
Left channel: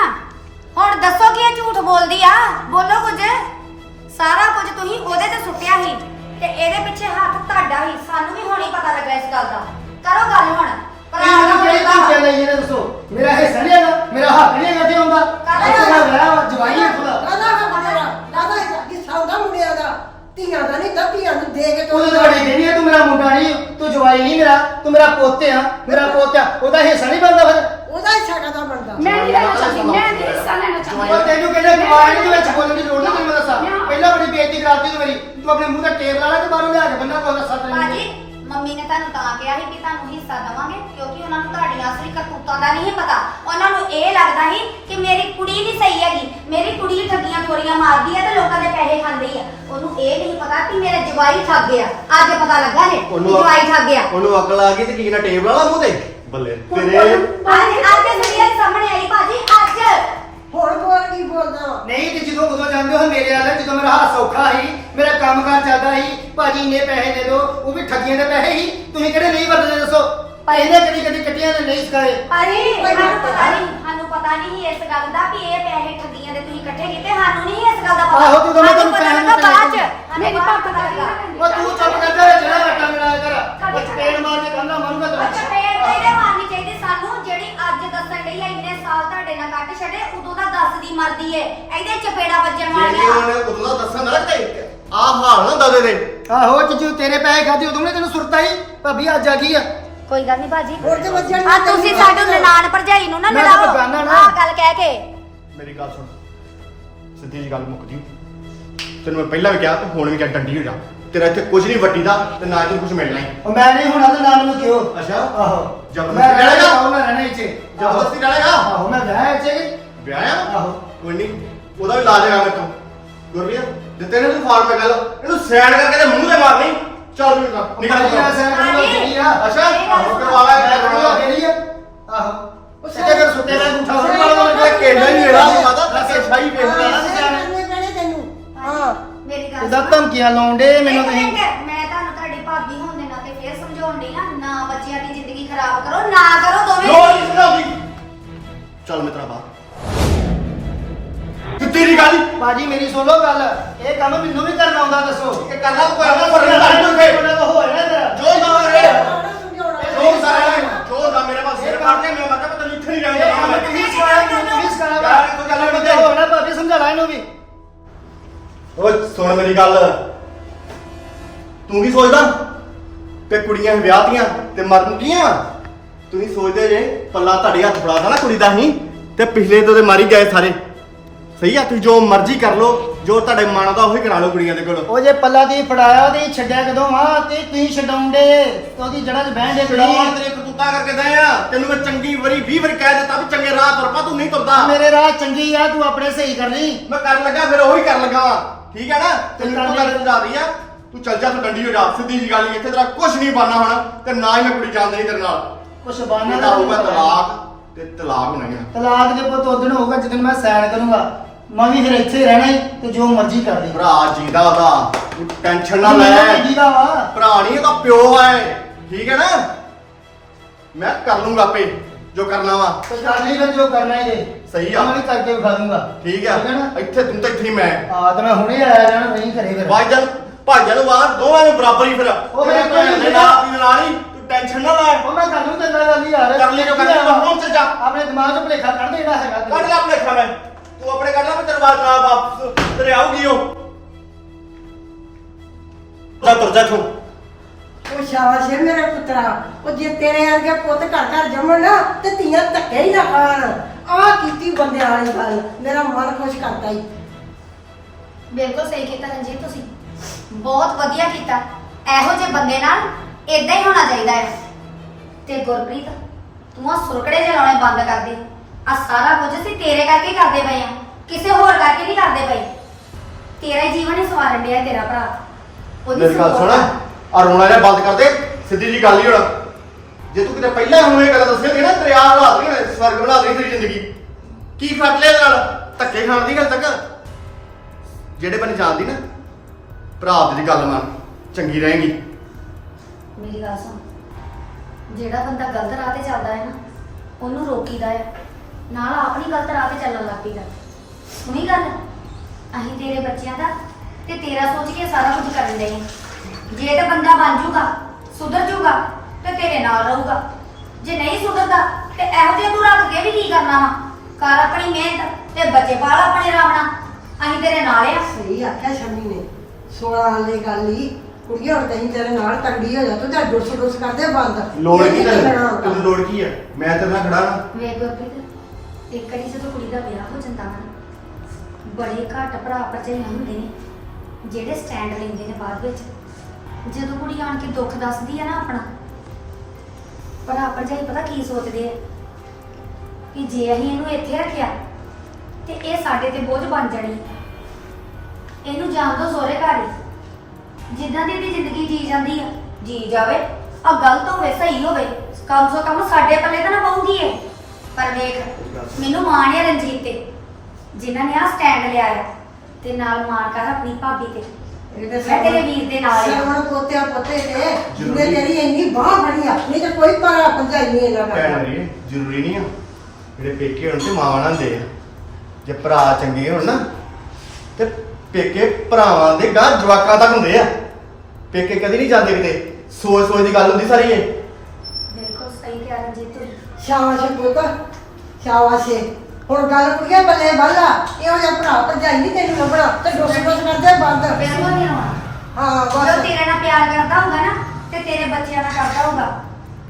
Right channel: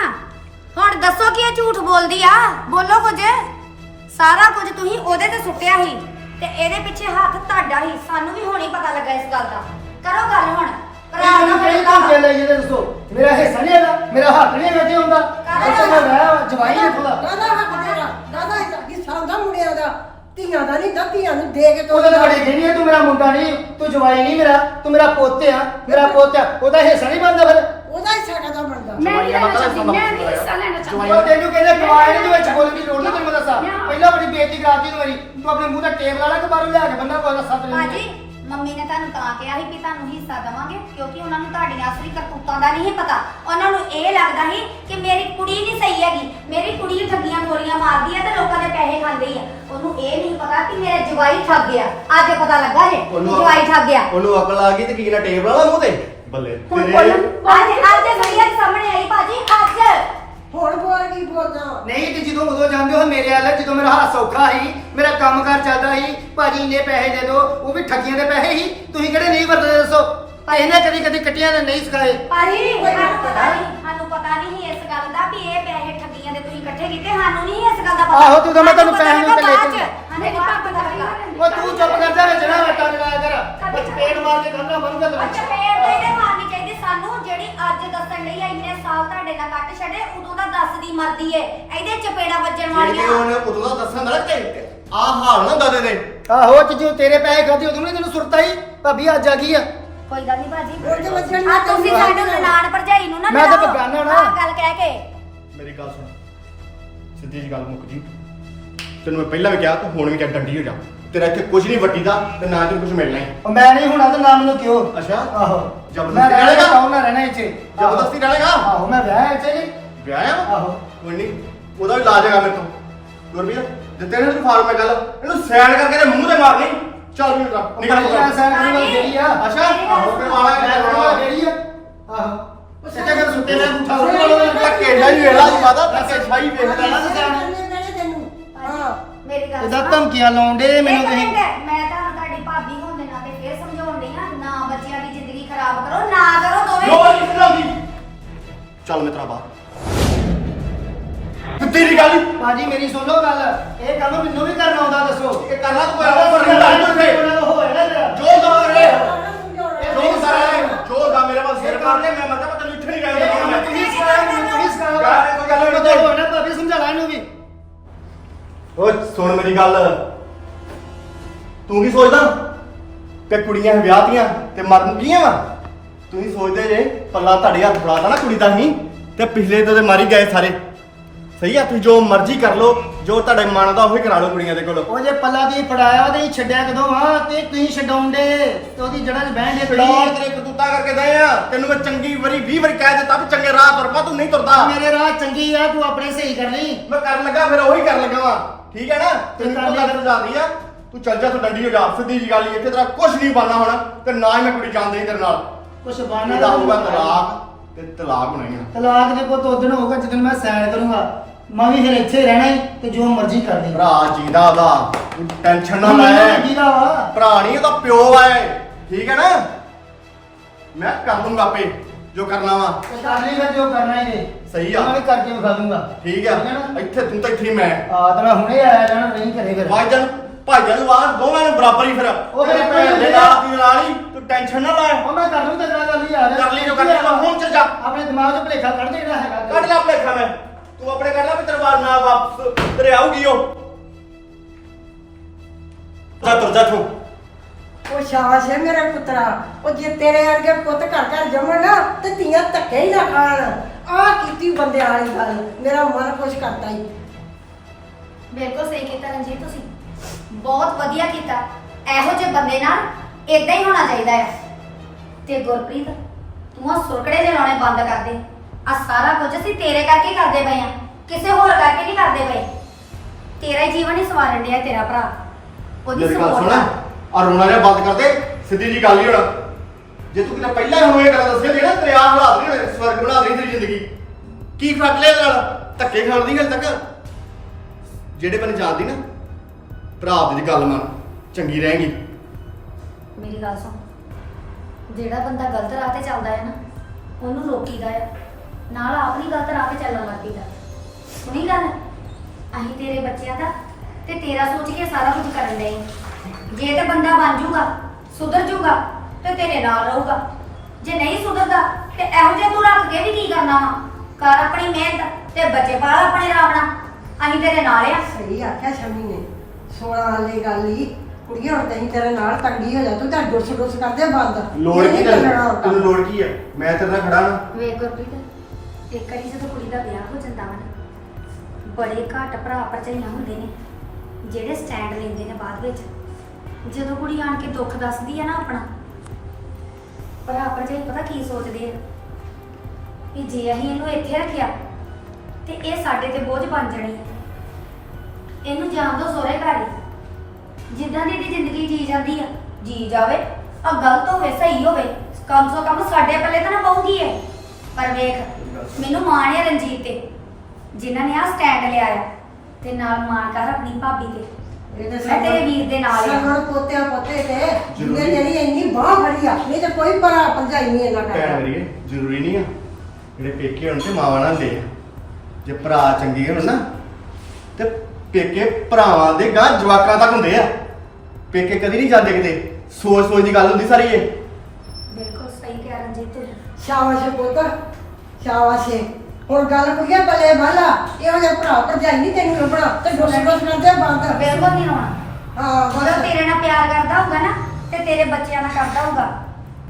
ਹੁਣ ਦੱਸੋ ਕਿ ਇਹ ਝੂਠ ਬੋਲਦੀ ਆ? ਬੋਲੋ ਕੁਝ। ਸਾਰਾ ਕੁਝ ਤੁਸੀਂ ਉਹਦੇ ਤੇ ਸੁੱਟਿਆ ਸੀ ਤੇ ਇਹਦੇ ਪਿੱਛੇ ਹੱਥ ਤੁਹਾਡਾ ਹੀ ਸਾਨੂੰ ਵੀ ਹੁਣੇ ਪਤਾ ਲੱਗਾ ਇਸ ਗੱਲ ਦਾ। ਕਰੋ ਗੱਲ ਹੁਣ। ਭਰਾ ਦਾ ਇਹਨੂੰ ਕਿਹੜੀ ਮੁੰਡਾ। ਤੂੰ ਦੱਸੋ? ਮੇਰਾ ਹਿੱਸਾ ਨਹੀਂ ਹੈਗਾ। ਮੇਰਾ ਹੱਕ ਨਹੀਂ ਹੈਗਾ ਜੇ ਹੁੰਦਾ ਕਾਹਦਾ ਦੱਸੋ ਮੈਂ ਵਿਆਹ ਜਵਾਈ ਹੈ ਥੋੜਾ ਦਾਦਾ ਹੱਕ ਤੇਰਾ ਦਾਦਾ ਹਿੱਸਾ ਹੁੰਦਾ ਮੁੰਡਿਆਂ ਦਾ ਧੀਆਂ ਦਾ ਨਹੀਂ ਤਾਂ ਧੀਆਂ ਨੂੰ ਦੇ ਕੇ ਉਹਦੇ ਤਾਂ ਬੜੀ ਕਹਿੰਦੀ ਹੈ ਤੂੰ ਮੇਰਾ ਮੁੰਡਾ ਨਹੀਂ ਤੂੰ ਜਵਾਈ ਨਹੀਂ ਮੇਰਾ। ਤੂੰ ਮੇਰਾ ਪੁੱਤ ਆ। ਮੇਰਾ ਪੁੱਤ ਆ ਉਹਦਾ ਹਿੱਸਾ ਨਹੀਂ ਬਣਦਾ ਫਿਰ। ਉਹਦਾ ਹਿੱਸਾ ਕਾਹਦਾ ਬਣਦਾ। ਮੈਂ ਨਹੀਂ ਲੈਣਾ ਚਾਹੁੰਦੀ ਤਾਂ ਮੈਂ ਨਹੀਂ ਹਿੱਸਾ ਲੈਣਾ ਚਾਹੁੰਦੀ। ਉਹ ਤੈਨੂੰ ਕਹਿੰਦੇ ਜਵਾਈ ਦੇ ਵਿੱਚ ਬੋਲਣ ਦੀ ਲੋੜ ਨਹੀਂ ਤੈਨੂੰ ਮੈਂ ਦੱਸਾਂ। ਪਹਿਲਾਂ ਬੜੀ ਬੇਇੱਜ਼ਤੀ ਕਰਾਤੀ ਤੂੰ ਮੇਰੀ ਤੂੰ ਆਪਣੇ ਮੂੰਹ ਦਾ ਟੇਪ ਲਾ ਲੈ ਕਿ ਬਾਹਰੋਂ ਲਿਆ ਕੇ ਬੰਨਾ ਕੋਈ ਦੱਸਾਂ ਤੈਨੂੰ। ਭਾਜੀ ਮੰਮੀ ਨੇ ਤੁਹਾਨੂੰ ਤਾਂ ਕਿਹਾ ਸੀ ਕਿ ਤੁਹਾਨੂੰ ਹਿੱਸਾ ਦਵਾਂਗੇ ਕਿਉਂਕਿ ਉਹਨਾਂ ਨੂੰ ਤੁਹਾਡੀਆਂ ਅਸਲੀ ਕਰਤੂਤਾਂ ਦਾ ਨਹੀਂ ਪਤਾ। ਉਹਨਾਂ ਨੂੰ ਇਹ ਲੱਗਦਾ ਸੀ ਕਿ ਮੇਰੀ ਕੁੜੀ ਨਹੀਂ ਸਹੀ ਹੈਗੀ। ਮੇਰੀ ਕੁੜੀ ਠੱਗੀਆਂ ਥੋੜੀਆਂ ਮਾਰਦੀ ਹੈ ਤੇ ਲੋਕਾਂ ਦੇ ਪੈਸੇ ਖਾਂਦੀ ਆ। ਉਹਨੂੰ ਇਹ ਨਹੀਂ ਪਤਾ ਕਿ ਮੇਰੇ ਜਵਾਈ ਠੱਗ ਗਿਆ। ਅੱਜ ਪਤਾ ਲੱਗਾ ਜੇ ਕਿ ਜਵਾਈ ਠੱਗ ਗਿਆ। ਉਹਨੂੰ ਅਕਲ ਆ ਗਈ ਤੇ ਕੀ ਨਾ ਟੇਬਲ ਵਾਲਾ ਮੂੰਹ ਤੇ? ਬੱਲੇ ਤੇਰੇ ਅੱਜ ਅੱਜ ਸਾਹਮਣੇ ਆਈ ਭਾਜੀ ਅੱਜ। ਹੁਣ ਬੋਲ ਕੀ ਬੋਲਦਾ ਵਾ ਨਹੀਂ ਤੇ ਜਦੋਂ ਉਦੋਂ ਜਾਂਦੇ ਹੋ ਮੇਰੇ ਵੱਲ ਜਦੋਂ ਮੇਰਾ ਹੱਥ ਸੌਖਾ ਸੀ ਮੇਰਾ ਕੰਮਕਾਰ ਚੱਲਦਾ ਸੀ ਭਾਜੀ ਇੰਨੇ ਪੈਸੇ ਦੇ ਦਿਓ ਉਹ ਵੀ ਠੱਗੀਆਂ ਦੇ ਪੈਸੇ ਸੀ ਤੁਸੀਂ ਕਿਹੜੇ ਨਹੀਂ ਵਰਤਦੇ ਦੱਸੋ? ਇਹਨੇ ਕਦੀ ਕਦੀ ਕੱਟੀਆਂ ਨਹੀਂ ਸਿਖਾਏ? ਭਾਜੀ ਸਾਨੂੰ ਪਤਾ ਨਹੀਂ। ਪਤਾ ਨਹੀਂ ਸੀ ਇਸ ਗੱਲ ਦਾ ਕਿ ਇਹ ਪੈਸੇ ਠੱਗੀਆਂ ਦੇ ਤੁਸੀਂ ਇਕੱਠੇ ਕੀਤੇ ਸਾਨੂੰ ਨਹੀਂ ਇਸ ਗੱਲ ਦਾ ਪਤਾ। ਆਹੋ, ਤੂੰ ਤਾਂ ਮੈਂ ਤੈਨੂੰ ਪੈਸੇ ਨੂੰ ਬਾਅਦ ਚ। ਮੇਰੀ ਪਾਪਾ ਦਾ। ਉਹ ਤੂੰ ਚੁੱਪ ਕਰਦਾ ਵਿੱਚ ਨਾ ਵਟਾ ਮਿਲਾਇਆ ਕਰ। ਬਸ ਪੇੜ ਮਾਰ ਕੇ ਕੰਨਾ ਮਾਰੂਗਾ ਤੇ ਅੱਛਾ ਫੇਰ ਇਹਦੇ ਮਾਰਨੀ ਚਾਹੀਦੀ। ਸਾਨੂੰ ਜਿਹੜੀ ਅੱਜ ਦੱਸਣ ਲਈ ਆ ਇੰਨੇ ਸਾਲ ਤੁਹਾਡੇ ਨਾਲ ਕੱਟ ਛੱਡੇ ਉਦੋਂ ਦਾ ਦੱਸਦੀ ਮਰਦੀ ਏ। ਇਹਦੇ ਚਪੇੜਾ ਵੱਜਣ ਜਿਹੜੇ ਵਾਲੀਆਂ। ਉਹਨੇ ਉਦੋਂ ਦਾ ਦੱਸਣ ਨਾ ਤੇ। ਆਹ ਹਾਲ ਨਾ ਦਾਦੇ ਦੇ। ਆਹੋ ਤੇ ਜੋ ਤੇਰੇ ਪੈਸੇ ਖਾਦੇ ਉਦੋਂ ਨੇ ਤੈਨੂੰ ਸੁਰਤ ਆਈ। ਭਾਬੀ ਅੱਜ ਆ ਗਈ ਆ। ਕੋਈ ਗੱਲ ਨਹੀਂ ਬਾਜੀ ਹੋਰ ਤੇ ਵੱਜਣ ਆ ਤੁਸੀਂ ਸਾਨੂੰ ਨਨਾਣ ਭਰਜਾਈ ਨੂੰ ਨਾ ਮੈਂ ਤਾਂ ਮਿਲਾਓ। ਬੇਗਾਨਾ ਨਾ। ਆਹ ਗੱਲ ਕਹਿ ਕੇ। ਮੇਰੀ ਗੱਲ ਸੁਣ। ਸਿੱਧੀ ਜੀ ਗੱਲ ਮੁੱਕ ਜੀ ਤੈਨੂੰ ਮੈਂ ਪਹਿਲਾਂ ਵੀ ਕਿਹਾ ਤੂੰ ਹੁਣ ਵੀ ਕਿਹਾ ਡੰਡੀ ਹੋ ਜਾ। ਤੇਰਾ ਇੱਥੇ ਕੁਝ ਨਹੀਂ ਵੱਟੀ ਦਾ ਤੇ ਨਾ ਤੈਨੂੰ ਕੁਝ ਮਿਲਣਾ ਹੀ। ਉਹ ਮੈਂ ਨਹੀਂ ਹੁਣ ਨਾ ਮੈਨੂੰ ਕਿਉਂ? ਅੱਛਾ। ਆਹੋ। ਜ਼ਬਰਦਸਤੀ ਮੈਂ ਰਹਿਣਾ? ਆਹੋ, ਮੈਂ ਰਹਿਣਾ ਇੱਥੇ। ਜ਼ਬਰਦਸਤੀ ਰਹਿਣਾ? ਆਹੋ। ਮੈਂ ਵਿਆਹ ਇੱਥੇ। ਵਿਆਹ ਆ? ਆਹੋ। ਕੋਈ ਨਹੀਂ ਉਹਦਾ ਵੀ ਇਲਾਜ ਹੈਗਾ ਮੇਰੇ ਤੋਂ। ਗੁਰਬੀਆ ਜੇ ਤੇਰੇ ਨੂੰ ਫਾਰਮ ਹੈ ਗੱਲ? ਇਹਨੂੰ ਸੈਨ ਕਰਕੇ ਤੇ ਮੂੰਹ ਤੇ ਮਾਰਨੀ। ਚੱਲ ਵੀ ਨਿਕਲ ਜਿਹੜੀ ਆ। ਅੱਛਾ ਮੈਂ ਕਰੂੰਗਾ ਜਿਹੜੀ ਆ। ਆਹੋ। ਕਰ ਸੁੱਤੇ ਗੁੱਠਾ ਲਾ ਹੀ। ਮਾਤਾ ਤੇ ਵੇਖਦਾ ਨਾ ਇਹਦਾ। ਧਮਕੀਆਂ ਲਾਉਂਦੇ ਮੈਨੂੰ ਤੁਸੀਂ। ਮੈਂ ਤੁਹਾਨੂੰ ਤੁਹਾਡੀ ਭਾਬੀ ਹੋਣ ਦੇ ਨਾਤੇ ਫੇਰ ਸਮਝਾਉਣ ਡਈ ਆ ਨਾ ਬੱਚਿਆਂ ਦੀ ਜ਼ਿੰਦਗੀ ਖਰਾਬ ਕਰੋ ਨਾ ਕਰੋ ਦੋਵੇਂ ਚੱਲ ਮਿੱਤਰਾ ਬਾਹਰ। ਜੀ ਗੱਲ। ਬਾਜੀ ਮੇਰੀ ਸੁਣ ਲਓ ਗੱਲ। ਇਹ ਕੰਮ ਮੈਨੂੰ ਵੀ ਕਰਨਾ ਆਉਂਦਾ ਦੱਸੋ। ਇਹ ਕਰਨਾ ਤੂੰ ਕਰਨਾ ਪਰ ਨਹੀਂ ਲਾਈ ਤੂੰ ਇੱਥੇ। ਉਹਨਾਂ ਦਾ ਹੋ ਜਾਣਾ ਤੇਰਾ। ਜੋ ਦਾ ਸਮਝਾਉਣਾ ਜੋ ਦਾ ਰੇ ਜੋ ਦਾ ਮੇਰੇ ਪਾਸ ਸਿਰ ਦੇ ਮੈਂ ਮਤਲਬ ਤੈਨੂੰ ਇੱਥੇ ਨਹੀਂ ਰਹਿਣ ਦੇਣਾ ਮੈਂ ਸਿਖਾਇਆ ਵਾ। ਯਾਰ, ਕੋਈ ਗੱਲ ਨਹੀਂ। ਹੋ ਨਾ ਭਾਬੀ ਸਮਝਾਣਾ ਇਹਨੂੰ ਵੀ। ਓ ਸੁਣ ਮੇਰੀ ਗੱਲ। ਤੂੰ ਕੀ ਸੋਚਦਾ ਕਿ ਕੁੜੀਆਂ ਵਿਆਹਤੀਆਂ ਤੇ ਮਰਨ ਵਾਂ? ਤੁਸੀਂ ਸੋਚਦੇ ਜੇ ਪੱਲਾ ਤੁਹਾਡੇ ਹੱਥ ਫੜਾਦਾ ਨਾ ਕੁੜੀ ਦਾ ਹੀ ਤੇ ਪਿਛਲੇ ਤੋਂ ਤੇ ਮਾਰੀ ਗਏ ਸਾਰੇ। ਸਹੀ ਆ ਤੁਸੀਂ ਜੋ ਮਰਜ਼ੀ ਕਰ ਲਓ ਜੋ ਤੁਹਾਡੇ ਮਨ ਦਾ ਉਹੀ ਕਰਾ ਲਓ ਕੁੜੀਆਂ ਦੇ ਕੋਲ। ਉਹ ਜੇ ਪੱਲਾ ਦੀ ਫੜਾਇਆ ਉਹਦੇ ਛੱਡਿਆ ਕਦੋਂ ਆ? ਤੇ ਤੁਸੀਂ ਛਡਾਉਂਦੇ ਤੇ ਉਹਦੀ ਜੜ੍ਹਾਂ 'ਚ ਬਹਿਣ ਦੇ ਚੜਾਉਣ ਤੇਰੇ ਕਰਤੂਤਾ ਕਰਕੇ ਦਏ ਆ। ਤੈਨੂੰ ਮੈਂ ਚੰਗੀ ਵਰੀ 20 ਵਾਰੀ ਕਹਿ ਦਿੱਤਾ ਵੀ ਚੰਗੇ ਰਾਹ ਤੁਰ ਪਾ ਤੂੰ ਨਹੀਂ ਤੁਰਦਾ। ਮੇਰੇ ਰਾਹ ਚੰਗੀ ਆ ਤੂੰ ਆਪਣੇ ਸਹੀ ਕਰ ਲਈ ਮੈਂ ਕਰਨ ਲੱਗਾ ਫਿਰ ਉਹੀ ਕਰਨ ਲੱਗਾ ਵਾ। ਠੀਕ ਹੈ ਨਾ? ਤੈਨੂੰ ਕਰ ਲਈ। ਲੱਗ ਜਾਂਦੀ ਆ। ਤੂੰ ਚੱਲ ਜਾ ਤੂੰ ਡੰਡੀ ਹੋ ਜਾ ਸਿੱਧੀ ਜੀ ਗੱਲ ਨਹੀਂ ਇੱਥੇ ਤੇਰਾ ਕੁਝ ਨਹੀਂ ਬਣਨਾ ਹੁਣ ਤੇ ਨਾ ਹੀ ਮੈਂ ਕੁੜੀ ਜਾਣਦਾ ਨਹੀਂ ਤੇਰੇ ਨਾਲ। ਕੁਛ ਬਾਨਾ ਇਹਦਾ ਹੋਊਗਾ ਤਲਾਕ ਤੇ ਤਲਾਕ ਹੋਣਾ ਹੀ ਆ। ਤਲਾਕ ਦੇ ਪੁੱਤ ਉਦਣ ਹੋਊਗਾ ਜਦੋਂ ਮੈਂ ਸਾਈਨ ਕਰੂੰਗਾ। ਮੈਂ ਵੀ ਫਿਰ ਇੱਥੇ ਰਹਿਣਾ ਹੀ ਤੇ ਜੋ ਮਰਜ਼ੀ ਕਰ ਲਈ ਭਰਾ ਜੀਂਦਾ ਉਹਦਾ। ਤੂੰ ਟੈਨਸ਼ਨ ਨਾ ਲੈ। ਜੀਦਾ ਵਾ। ਭਰਾ ਨਹੀਂ ਉਹਦਾ ਪਿਓ ਆ ਇਹ, ਠੀਕ ਹੈ ਨਾ? ਮੈਂ ਕਰ ਲੂੰਗਾ ਆਪੇ ਜੋ ਕਰਨਾ ਵਾ। ਤੇ ਕਰ ਲਈ ਫਿਰ ਜੋ ਕਰਨਾ ਹੀ ਦੇ ਸਹੀ ਆ। ਮੈਂ ਵੀ ਕਰਕੇ ਵਿਖਾ ਦੂੰਗਾ। ਠੀਕ ਆ। ਹੈ ਨਾ? ਇੱਥੇ ਤੂੰ ਤਾਂ ਇੱਥੇ ਹੀ ਮੈਂ। ਆ ਤਾਂ ਮੈਂ ਹੁਣੇ ਆਇਆ ਜਾਣਾ ਨਹੀਂ ਘਰੇ ਫਿਰ। ਭਾਈਜਾਨ ਭਾਈਜਾਨ ਨੂੰ ਬਾਹਰ ਦੋਵਾਂ ਨੂੰ ਬਰਾਬਰ ਹੀ ਫਿਰ। ਉਹ ਫਿਰ ਤੇਰੇ ਭੈਣ ਦੇ ਜਿਹੜਾ- ਨਾਲ ਆਪਣੀ ਨਾਲ ਹੀ ਤੂੰ ਟੈਨਸ਼ਨ ਨਾ ਲੈ। ਉਹ ਮੈਂ ਕਰ ਲੂੰ ਚੰਗਾ ਗੱਲ ਯਾਰ ਕਰ ਲਈ ਜੋ ਕਰਨੀ ਆ, ਹੁਣ ਚੱਲ ਜਾ। ਆਪਣੇ ਦਿਮਾਗ 'ਚ ਭੁਲੇਖਾ ਕੱਢ ਦੇ ਜਿਹੜਾ ਹੈਗਾ ਕੱਢ ਲੈ ਆਪਣੇ ਖਾਣੇ ਤੂੰ ਆਪਣੇ ਕੱਢ ਲੈ ਮੈਂ ਬਾਅਦ ਨਾਲ ਵਾਪਸ ਤੇਰੇ ਆਉਗੀ ਉਹ। ਜਾ ਤੁਰ ਜਾ ਤੂੰ। ਉਹ ਸ਼ਾਬਾਸ਼ ਹੈ ਮੇਰਾ ਪੁੱਤਰਾ ਉਹ ਜੇ ਤੇਰੇ ਵਰਗੇ ਪੁੱਤ ਘਰ ਘਰ ਜੰਮਣ ਨਾ ਤੇ ਧੀਆਂ ਧੱਕੇ ਹੀ ਨਾ ਖਾਣ। ਆ ਕੀਤੀ ਬੰਦਿਆਂ ਵਾਲੀ ਗੱਲ ਮੇਰਾ ਮਨ ਖੁਸ਼ ਕਰਤਾ ਹੀ ਬਿਲਕੁਲ ਸਹੀ ਕੀਤਾ ਰਣਜੀਤ ਤੁਸੀਂ। ਬਹੁਤ ਵਧੀਆ ਕੀਤਾ। ਇਹੋ ਜਿਹੇ ਬੰਦੇ ਨਾਲ ਇਦਾਂ ਹੀ ਹੋਣਾ ਚਾਹੀਦਾ ਹੈ ਤੇ ਗੁਰਪ੍ਰੀਤ ਤੂੰ ਆ ਸੁਰਕੜੇ ਜਿਹੇ ਲਾਉਣੇ ਬੰਦ ਕਰ ਦੇ। ਆ ਸਾਰਾ ਕੁਝ ਅਸੀਂ ਤੇਰੇ ਕਰਕੇ ਹੀ ਕਰਦੇ ਪਏ ਆ। ਕਿਸੇ ਹੋਰ ਕਰਕੇ ਨਹੀਂ ਕਰਦੇ ਪਏ। ਤੇਰਾ ਹੀ ਜੀਵਨ ਹੀ ਸਵਾਰਨ ਡਿਆ ਤੇਰਾ ਭਰਾ। ਉਹਦੀ ਮੇਰੀ ਗੱਲ ਸੁਣ। ਆ ਰੋਣਾ ਜਿਹਾ ਬੰਦ ਕਰ ਦੇ। ਸਿੱਧੀ ਜੀ ਗੱਲ ਹੀ ਹੋਣਾ। ਜੇ ਤੂੰ ਕਿਤੇ ਪਹਿਲਾਂ ਮੈਨੂੰ ਇਹ ਗੱਲ ਦੱਸਿਆ ਸੀ ਨਾ ਤੇਰੇ ਆ ਹਾਲਾਤ ਨਹੀਂ ਹੋਣੇ ਸਵਰਗ ਬਣਾ ਦੇਣੀ ਤੇਰੀ ਜ਼ਿੰਦਗੀ। ਕੀ ਫ਼ਰਕ ਇਹਦੇ ਨਾਲ? ਧੱਕੇ ਖਾਣ ਦੀ ਗੱਲ ਤੱਕ। ਜਿਹੜੇ ਬੰਦੇ ਜਾਣਦੀ ਨਾ ਭਰਾ ਦੀ ਗੱਲ ਮੰਨ। ਚੰਗੀ ਰਹੇਗੀ। ਮੇਰੀ ਗੱਲ ਸੁਣ। ਜਿਹੜਾ ਬੰਦਾ ਗਲਤ ਰਾਹ ਤੇ ਚੱਲਦਾ ਹੈ ਨਾ ਉਹਨੂੰ ਰੋਕੀਦਾ ਹੈ ਨਾਲ ਆਪ ਨਹੀਂ ਗਲਤ ਰਾਹ ਤੇ ਚੱਲਣ ਲੱਗ ਪਈਦਾ ਸੁਣੀ ਗੱਲ? ਅਸੀਂ ਤੇਰੇ ਬੱਚਿਆਂ ਦਾ ਤੇ ਤੇਰਾ ਸੋਚ ਕੇ ਸਾਰਾ ਕੁਝ ਕਰਨ ਦੇ ਜੇ ਤੇ ਬੰਦਾ ਬਣ ਜਾਊਗਾ ਸੁਧਰ ਜਾਊਗਾ ਤੇ ਤੇਰੇ ਨਾਲ ਰਹੂਗਾ। ਜੇ ਨਹੀਂ ਸੁਧਰਦਾ ਤੇ ਇਹੋ ਜਿਹਾ ਤੂੰ ਰੱਖ ਕੇ ਵੀ ਕੀ ਕਰਨਾ ਵਾ? ਕਰ ਆਪਣੀ ਮਿਹਨਤ ਤੇ ਬੱਚੇ ਪਾਲ ਆਪਣੇ ਨਾਲ। ਅਸੀਂ ਤੇਰੇ ਨਾਲ ਆ। ਸਹੀ ਆਖਿਆ ਸ਼ਮੀ ਨੇ। 16 ਵਾਲੀ ਗੱਲ ਹੀ। ਕੁੜੀਆਂ ਹੁਣ ਤੈਨੂੰ ਤੇਰੇ ਨਾਲ ਤਗੜੀ ਹੋ ਜਾ। ਤੂੰ ਤਾਂ ਡੁੱਸ ਡੁੱਸ ਕਰਦੇ ਬੰਦ। ਲੋੜ ਕੀ ਤੈਨੂੰ? ਲੋੜ ਕੀ ਆ? ਮੈਂ ਤੇਰੇ ਨਾਲ ਖੜਾ ਨਾ ਵੇਖ ਗੁਰਪ੍ਰੀਤ। ਇੱਕ ਵਾਰੀ ਜਦੋਂ ਕੁੜੀ ਦਾ ਵਿਆਹ ਹੋ ਜਾਂਦਾ ਵਾ ਨਾ, ਬੜੇ ਘੱਟ ਭਰਾ ਭਰਜਾਈਆਂ ਹੁੰਦੇ ਨੇ, ਜਿਹੜੇ ਸਟੈਂਡ ਲੈਂਦੇ ਨੇ ਬਾਅਦ ਵਿੱਚ। ਜਦੋਂ ਕੁੜੀ ਆਣ ਕੇ ਦੁੱਖ ਦੱਸਦੀ ਆ ਨਾ ਆਪਣਾ, ਭਰਾ ਭਰਜਾਈ ਪਤਾ ਕੀ ਸੋਚਦੇ ਆ? ਕਿ ਜੇ ਅਸੀਂ ਇਹਨੂੰ ਇੱਥੇ ਰੱਖਿਆ, ਤੇ ਇਹ ਸਾਡੇ ਤੇ ਬੋਝ ਬਣ ਜਾਣੀ ਇਹਨੂੰ ਜਾਣ ਦੋ ਸੋਹਰੇ ਘਰ ਹੀ। ਜਿੱਦਾਂ ਦੀ ਇਹਦੀ ਜ਼ਿੰਦਗੀ ਜੀ ਜਾਂਦੀ ਆ, ਜੀ ਜਾਵੇ ਆ ਗਲਤ ਹੋਵੇ, ਸਹੀ ਹੋਵੇ, ਕਮ ਸੋ ਕਮ ਸਾਡੇ ਪੱਲੇ ਤਾਂ ਨਾ ਪਊਗੀ ਇਹ। ਪਰ ਵੇਖ ਮੈਨੂੰ ਮਾਣ ਆ ਰਣਜੀਤ ਤੇ ਜਿਨ੍ਹਾਂ ਨੇ ਆ ਸਟੈਂਡ ਲਿਆ ਆ ਤੇ ਨਾਲ ਮਾਣ ਕਰ ਆਪਣੀ ਭਾਬੀ ਤੇ। ਇਹਦੇ ਮੈਂ ਤੇਰੇ ਵੀਰ ਦੇ ਨਾਲ ਆ। ਸਗਣ ਪੋਤਿਆਂ ਪੋਤੇ ਤੇ ਜਿਹਨੇ ਤੇਰੀ ਇੰਨੀ ਬਾਹ ਫੜੀ ਆ ਨਹੀਂ ਤੇ ਕੋਈ ਪਰਾ ਭਰਜਾਈ ਨਹੀਂ ਇਹਨਾਂ ਭੈਣ ਕਰਦਾ ਮੇਰੀ ਜ਼ਰੂਰੀ ਨਹੀਂ ਆ। ਜਿਹੜੇ ਪੇਕੇ ਹੋਣ ਤੇ ਮਾਵਾਂ ਨਾਲ ਹੁੰਦੇ ਆ। ਜੇ ਭਰਾ ਚੰਗੇ ਹੋਣ ਨਾ ਤੇ ਪੇਕੇ ਭਰਾਵਾਂ ਦੇ ਗਾਂ ਜਵਾਕਾਂ ਤੱਕ ਹੁੰਦੇ ਆ। ਪੇਕੇ ਕਦੀ ਨਹੀਂ ਜਾਂਦੇ ਕਿਤੇ। ਸੋਚ ਸੋਚ ਦੀ ਗੱਲ ਹੁੰਦੀ ਸਾਰੀ ਇਹ ਬਿਲਕੁਲ ਸਹੀ ਕਿਹਾ ਰਣਜੀਤ ਤੁਸੀਂ ਸ਼ਾਬਾਸ਼ ਪੁੱਤ ਸ਼ਾਬਾਸ਼। ਏ। ਹੁਣ ਗੱਲ ਕੁੜੀਆਂ ਬੱਲੇ ਵਾਲਾ ਇਹੋ ਜਿਹਾ ਭਰਾ ਭਰਜਾਈ ਨਹੀਂ ਤੈਨੂੰ ਲੱਭਣਾ ਤੇ ਡੁੱਸ ਡੁੱਸ ਕਰਦੇ ਬੰਦ। ਬਿਲਕੁਲ ਨਹੀਂ ਹੋਣਾ ਹਾਂ ਬਸ। ਤੇਰੇ ਨਾਲ ਪਿਆਰ ਕਰਦਾ ਹੋਊਗਾ ਨਾ ਤੇ ਤੇਰੇ ਬੱਚਿਆਂ ਨਾਲ ਕਰਦਾ ਹੋਊਗਾ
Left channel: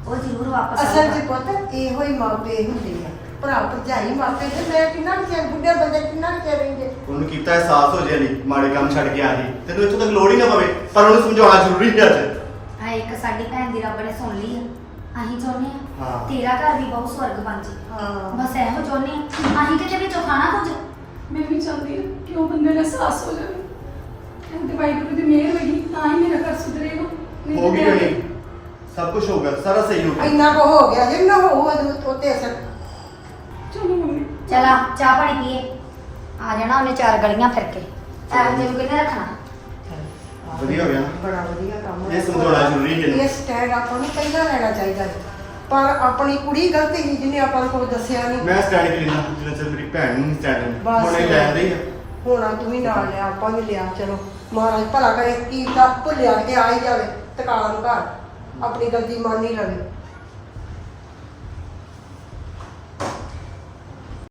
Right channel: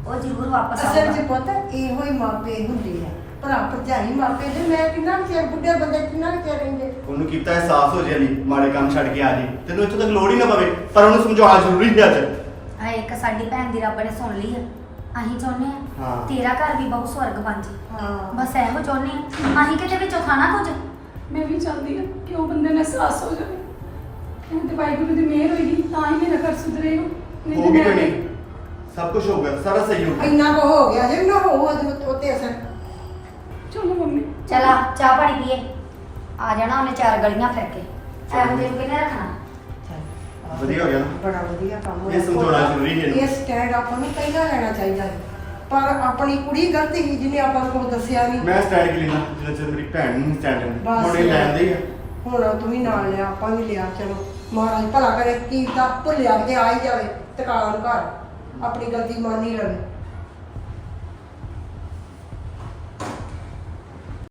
ਉਹ ਜ਼ਰੂਰ ਵਾਪਸ ਅਸਲ ਆਊਗਾ। 'ਚ ਪੁੱਤ ਇਹੋ ਹੀ ਮਾਪੇ ਹੁੰਦੇ ਆ। ਭਰਾ ਭਰਜਾਈ ਮਾਪੇ ਤੇ ਮੈਂ ਕਿੰਨਾ ਕੁ ਚਿਰ ਬੁੱਢੇ ਬੰਦੇ ਕਿੰਨਾ ਕੁ ਚਿਰ ਰਹਿੰਦੇ? ਉਹਨੂੰ ਕੀਤਾ ਅਹਿਸਾਸ ਹੋ ਜਾਏ ਨਹੀਂ ਮਾੜੇ ਕੰਮ ਛੱਡ ਕੇ ਆ ਜੀ। ਤੈਨੂੰ ਇੱਥੋਂ ਤੱਕ ਲੋੜ ਹੀ ਨਾ ਪਵੇ ਪਰ ਉਹਨੂੰ ਸਮਝਾਉਣਾ ਜ਼ਰੂਰੀ ਹੈ ਅੱਜ। ਆ ਇੱਕ ਸਾਡੀ ਭੈਣ ਦੀ ਰੱਬ ਨੇ ਸੁਣ ਲਈ ਆ। ਅਸੀਂ ਚਾਹੁੰਦੇ ਆ ਹਾਂ। ਤੇਰਾ ਘਰ ਵੀ ਬਹੁਤ ਸਵਰਗ ਬਣ ਜੇ। ਹਾਂ। ਬਸ ਇਹੋ ਚਾਹੁੰਦੇ ਆ ਅਸੀਂ ਕਿਤੇ ਵਿੱਚੋਂ ਖਾਣਾ ਕੁਝ ਮੈਂ ਵੀ ਚਾਹੁੰਦੀ ਹਾਂ ਕਿ ਉਹ ਬੰਦੇ ਨੂੰ ਅਹਿਸਾਸ ਹੋ ਜਾਵੇ। ਇਹ ਤੇ ਵਾਹਿਗੁਰੂ ਦੀ ਮਿਹਰ ਹੋਏਗੀ ਤਾਂ ਹੀ ਮੇਰਾ ਘਰ ਸੁਧਰੇਗਾ। ਨਹੀਂ ਹੋ ਤਾਂ ਗਈ ਮੈਂ- ਨਹੀਂ ਸਭ ਕੁਝ ਹੋ ਗਿਆ ਸਾਰਾ ਸਹੀ ਹੋ ਗਿਆ। ਇੰਨਾ ਕੋ ਹੋ ਗਿਆ ਜੇ ਨਾ ਹੋਊ ਉਹਦੇ ਅਸਰ। ਚਲੋ ਮੰਮੀ। ਚਲਾ ਚਾਹ ਪਾਣੀ ਪੀਏ। ਆ ਜਾਣਾ ਉਹਨੇ ਚਾਰ ਗਲੀਆਂ ਫਿਰ ਕੇ। ਚਾਹ ਜੀ ਕਿਨੇ ਰੱਖਣਾ? ਵਧੀਆ ਹੋ ਗਿਆ ਨਾ? ਬੜਾ ਵਧੀਆ ਕੰਮ ਇਹ ਸਮਝਾਉਣਾ ਜ਼ਰੂਰੀ ਹੈ ਇਹਨੂੰ। ਇਹ ਸਟੈਂਡ ਆਪਾਂ ਨੂੰ ਪਹਿਲਾਂ ਲੈਣਾ ਚਾਹੀਦਾ ਸੀ। ਪਰ ਆਪਣੀ ਕੁੜੀ ਗਲਤੀ ਸੀ ਜਿਹਨੇ ਆਪਾਂ ਨੂੰ ਕੋਈ ਦੱਸਿਆ ਨਹੀਂ। ਮੈਂ ਸਟੈਂਡ ਕਿ ਲੈਣਾ ਜਿੰਨਾ ਚਿਰ ਮੇਰੀ ਭੈਣ ਨੂੰ ਸਟੈਂਡ ਲੈਂਦੀ। ਬਸ। ਹੁਣ ਇਹ ਲੈਂਦੇ ਹੀ ਆ। ਹੁਣ ਤੂੰ ਵੀ ਨਾਲ ਲਿਆ ਆਪਾਂ ਵੀ ਲਿਆ ਚਲੋ। ਮਹਾਰਾਜ ਭਲਾ ਕਰੇ ਕੀ ਤਾਂ ਭੁੱਲਿਆ ਕੇ ਆ ਹੀ ਜਾਵੇ ਟਿਕਾਣਾ ਨੂੰ ਘਰ। ਆਪਣੀ ਗਲਤੀ ਮੰਨ ਹੀ ਲਵੇ।